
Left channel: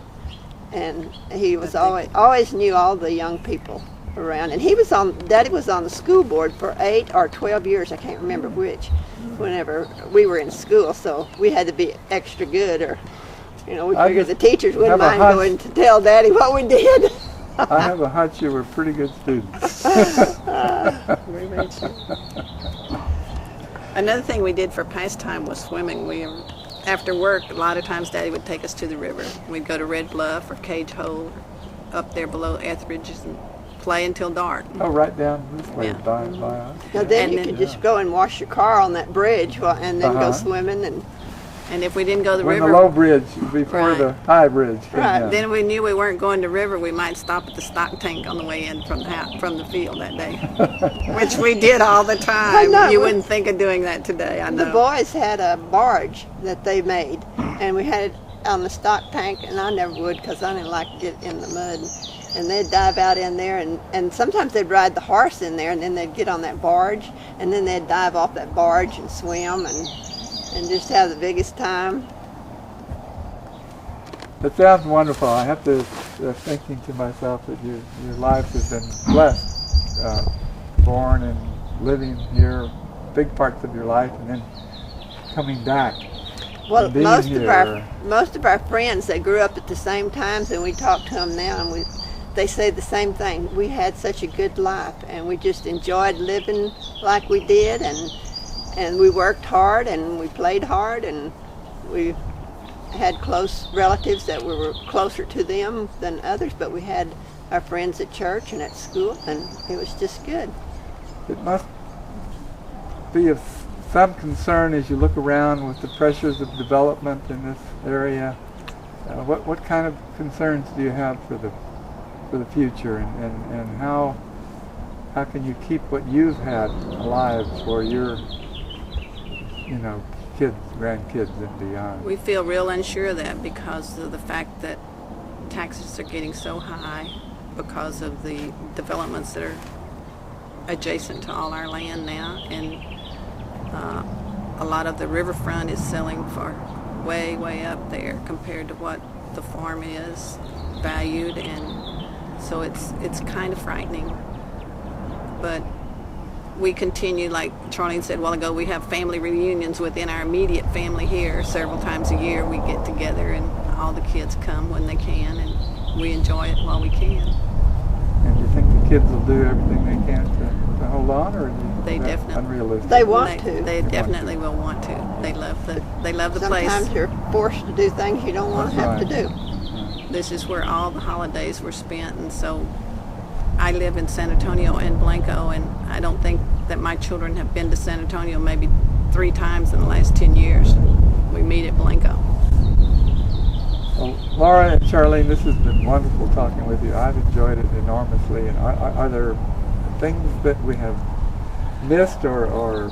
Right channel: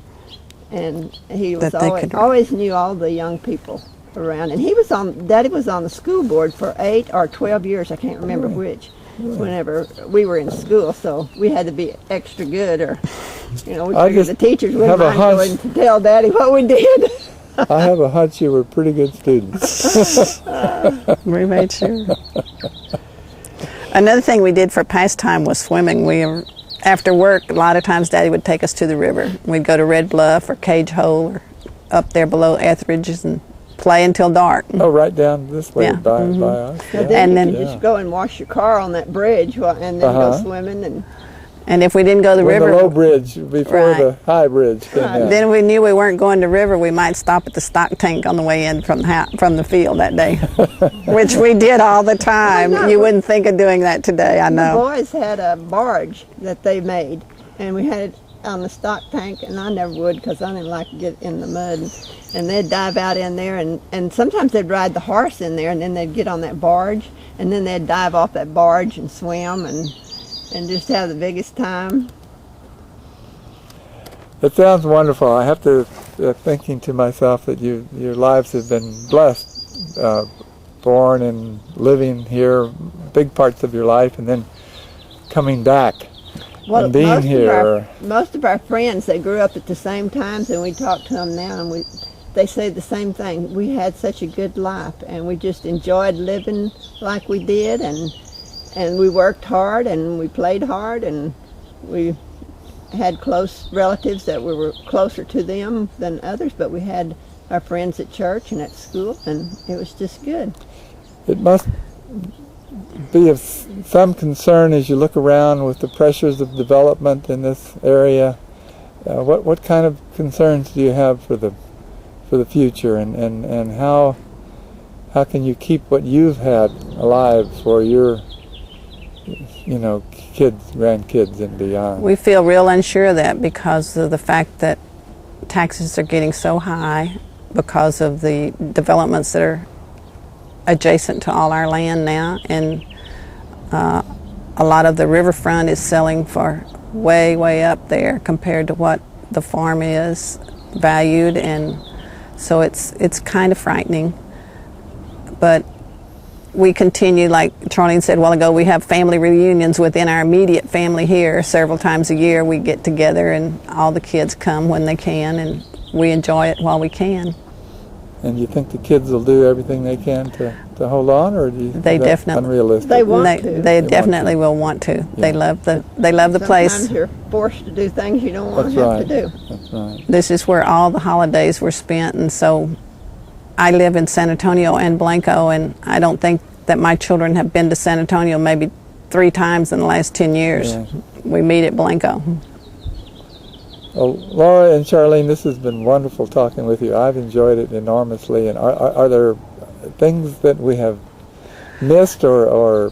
And he was always knew all the young people around. And Daddy was on the school board for 8 or 12 years, I can't remember which, whenever we were in school. So we had to be extra good, or, we figured the teachers wouldn't mind going to tell Daddy what we did. I have a hunch you were pretty good students. We made sure. Another thing we did for pastime was swimming. After work, a lot of times Daddy would take us to the river. We'd go to Red Bluff or Cage Hole or up there below Etheridge's and play until dark. Oh, right down this way by us. And then you could just go and wash your car on that bridge and then go swimming. And if we didn't go to the river... the low bridge before the high bridge came down. Then we knew we weren't going to the river, we might stop at the stock tank on the way in from the field that day, which we did all the time. You wouldn't think of doing that today, I know. The boys had a barge that they made, and we had on the stock tank, and I never would because I didn't like to get in the mud. And they'd dive out in there, and sometimes they'd ride the horse in there, and then they'd get on that barge, and then they'd dive off that barge and swim and just have the biggest time. That sounds wonderful. I have to thinking to myself that your lives have been blessed, born and living here, big parts of your life, and then coming back and being here. Most of our friends, they grew up at the same times, and we talk to them now, and they say the same thing. We had such a good life, and we just enjoyed living like we did, and we worked hard, and we played hard, and we had close relatives that we were closer to them than others, but we had our friends at church and at school, and it was just good. It must be of some concern as you look around with the pressures of development in this area. What kind of concerns do you have for the future, and how can you keep what you've had alive for your kids, grandkids, and beyond? We feel real unsure of that because of the fact that taxes are getting so high because of the developments that are adjacent to all our land now, and a lot of the riverfront is selling for way up there compared to what the farm is valued, and so it's kind of frightening. But we continue, like Charlene said a while ago, we have family reunions within our immediate family here. Several times a year we get together, and all the kids come when they can, and we enjoy it while we can. And you think the kids will do everything they can to hold on, or do you think that's unrealistic? They want to. They definitely will want to. Yeah. They love the place. Sometimes you're forced to do things you don't want to have to do. That's right. This is where all the holidays were spent, and so I live in San Antonio and Blanco, and I don't think that my children have been to San Antonio maybe 3 times in the last 10 years. Yeah. We meet at Blanco. Well, Laura and Charlene, this has been wonderful talking with you. I've enjoyed it enormously. And are there things that we have missed or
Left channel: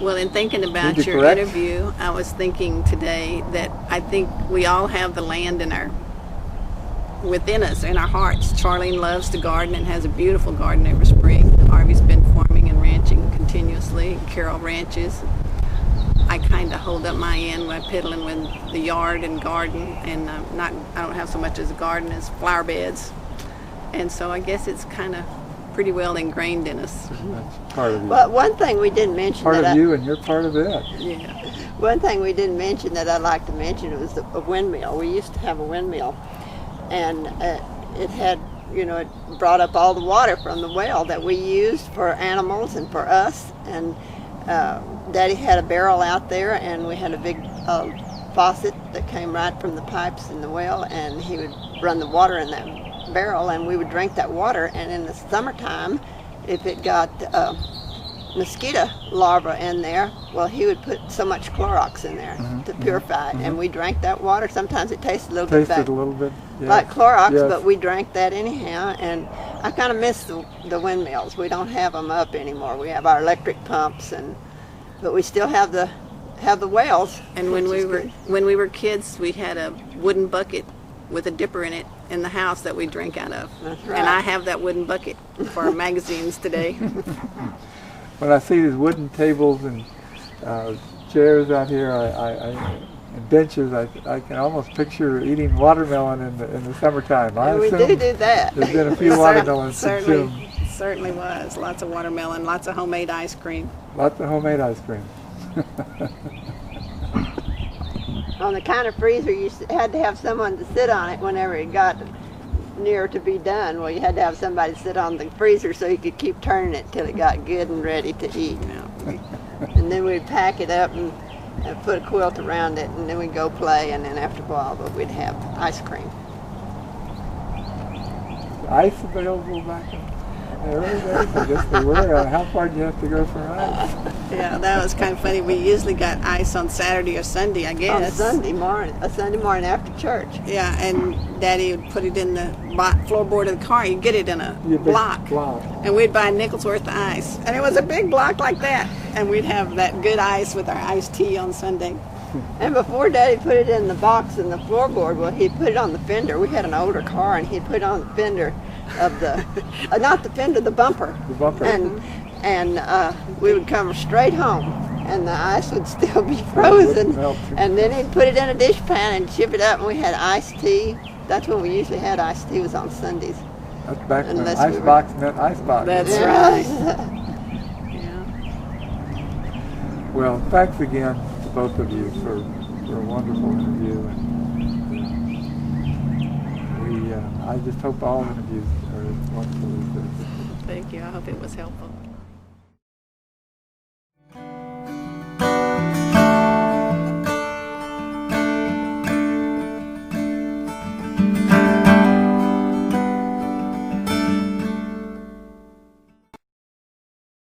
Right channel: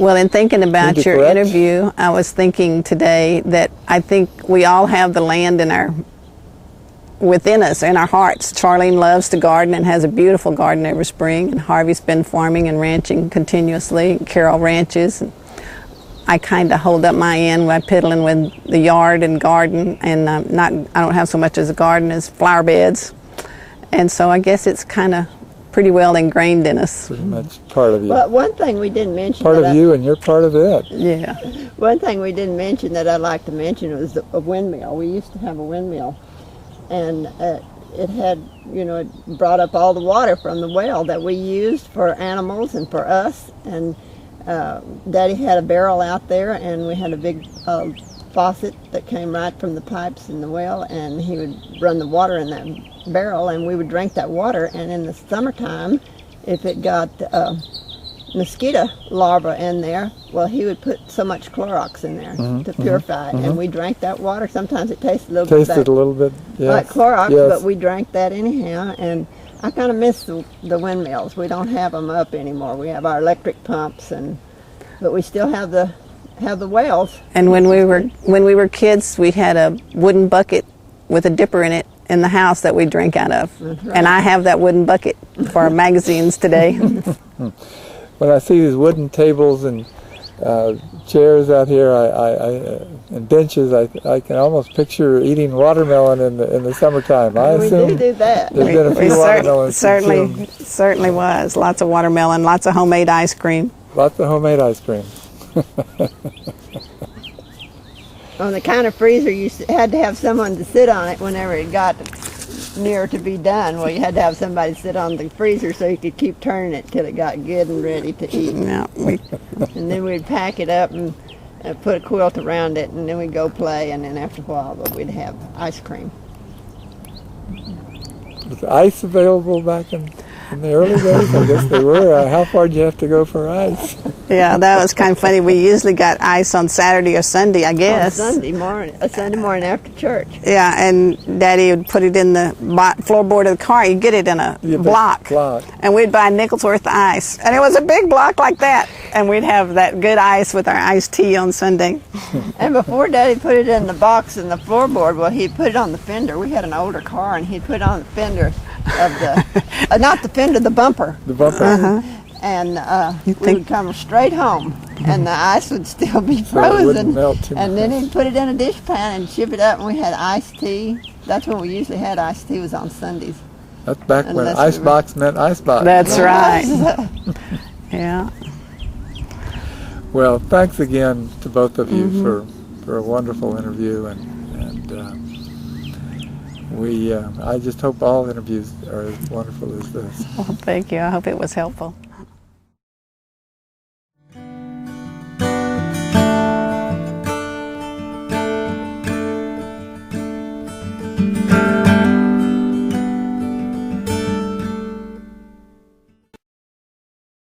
Well, in thinking about your interview, I was thinking today that I think we all have the land within us, in our hearts. Charlene loves to garden and has a beautiful garden every spring. And Harvey's been farming and ranching continuously. Carol ranches. I kind of hold up my end by piddling with the yard and garden, and I don't have so much as a garden as flower beds, and so I guess it's kind of pretty well ingrained in us. That's part of you. But one thing we didn't mention. Part of you, and you're part of it. Yeah. One thing we didn't mention that I'd like to mention was a windmill. We used to have a windmill, and it had, it brought up all the water from the well that we used for animals and for us, and Daddy had a barrel out there, and we had a big faucet that came right from the pipes in the well, and he would run the water in that barrel, and we would drink that water. And in the summertime, if it got mosquito larvae in there, well, he would put so much Clorox in there to purify it, and we drank that water. Sometimes it tasted a little bit yes. like Clorox, yes. But we drank that anyhow, and I kind of miss the windmills. We don't have them up anymore. We have our electric pumps, but we still have the wells. And when we were kids, we had a wooden bucket with a dipper in it in the house that we drink out of. That's right. And I have that wooden bucket for our magazines today. When I see these wooden tables and chairs out here, and benches, I can almost picture eating watermelon in the summertime. I assume we do that. There's been a few watermelons. Certainly was. Lots of watermelon, lots of homemade ice cream. Lots of homemade ice cream. On the kind of freezer, you had to have someone to sit on it whenever it got near to be done. Well, you had to have somebody sit on the freezer so you could keep turning it till it got good and ready to eat. Yeah, and then we'd pack it up and put a quilt around it, and then we'd go play, and then after a while we'd have ice cream. Was ice available back in? In the early days, I guess they were. How far did you have to go for ice? Yeah, that was kind of funny. We usually got ice on Saturday or Sunday, I guess. On Sunday morning after church. Yeah, and Daddy would put it in the floorboard of the car. You'd get it in a block. And we'd buy a nickel's worth of ice. And it was a big block like that. And we'd have that good ice with our iced tea on Sunday. And before Daddy put it in the box in the floorboard, well, he'd put it on the fender. We had an older car, and he'd put it on the fender of the, not the fender, the bumper. The bumper. And we would come straight home, and the ice would still be frozen. And then he'd put it in a dishpan and ship it up, and we had iced tea. That's when we usually had iced tea, was on Sundays. That's back when icebox meant icebox. That's right. Yeah. Well, thanks again to both of you for a wonderful interview, and I just hope all interviews are as wonderful as this. Well, thank you. I hope it was helpful.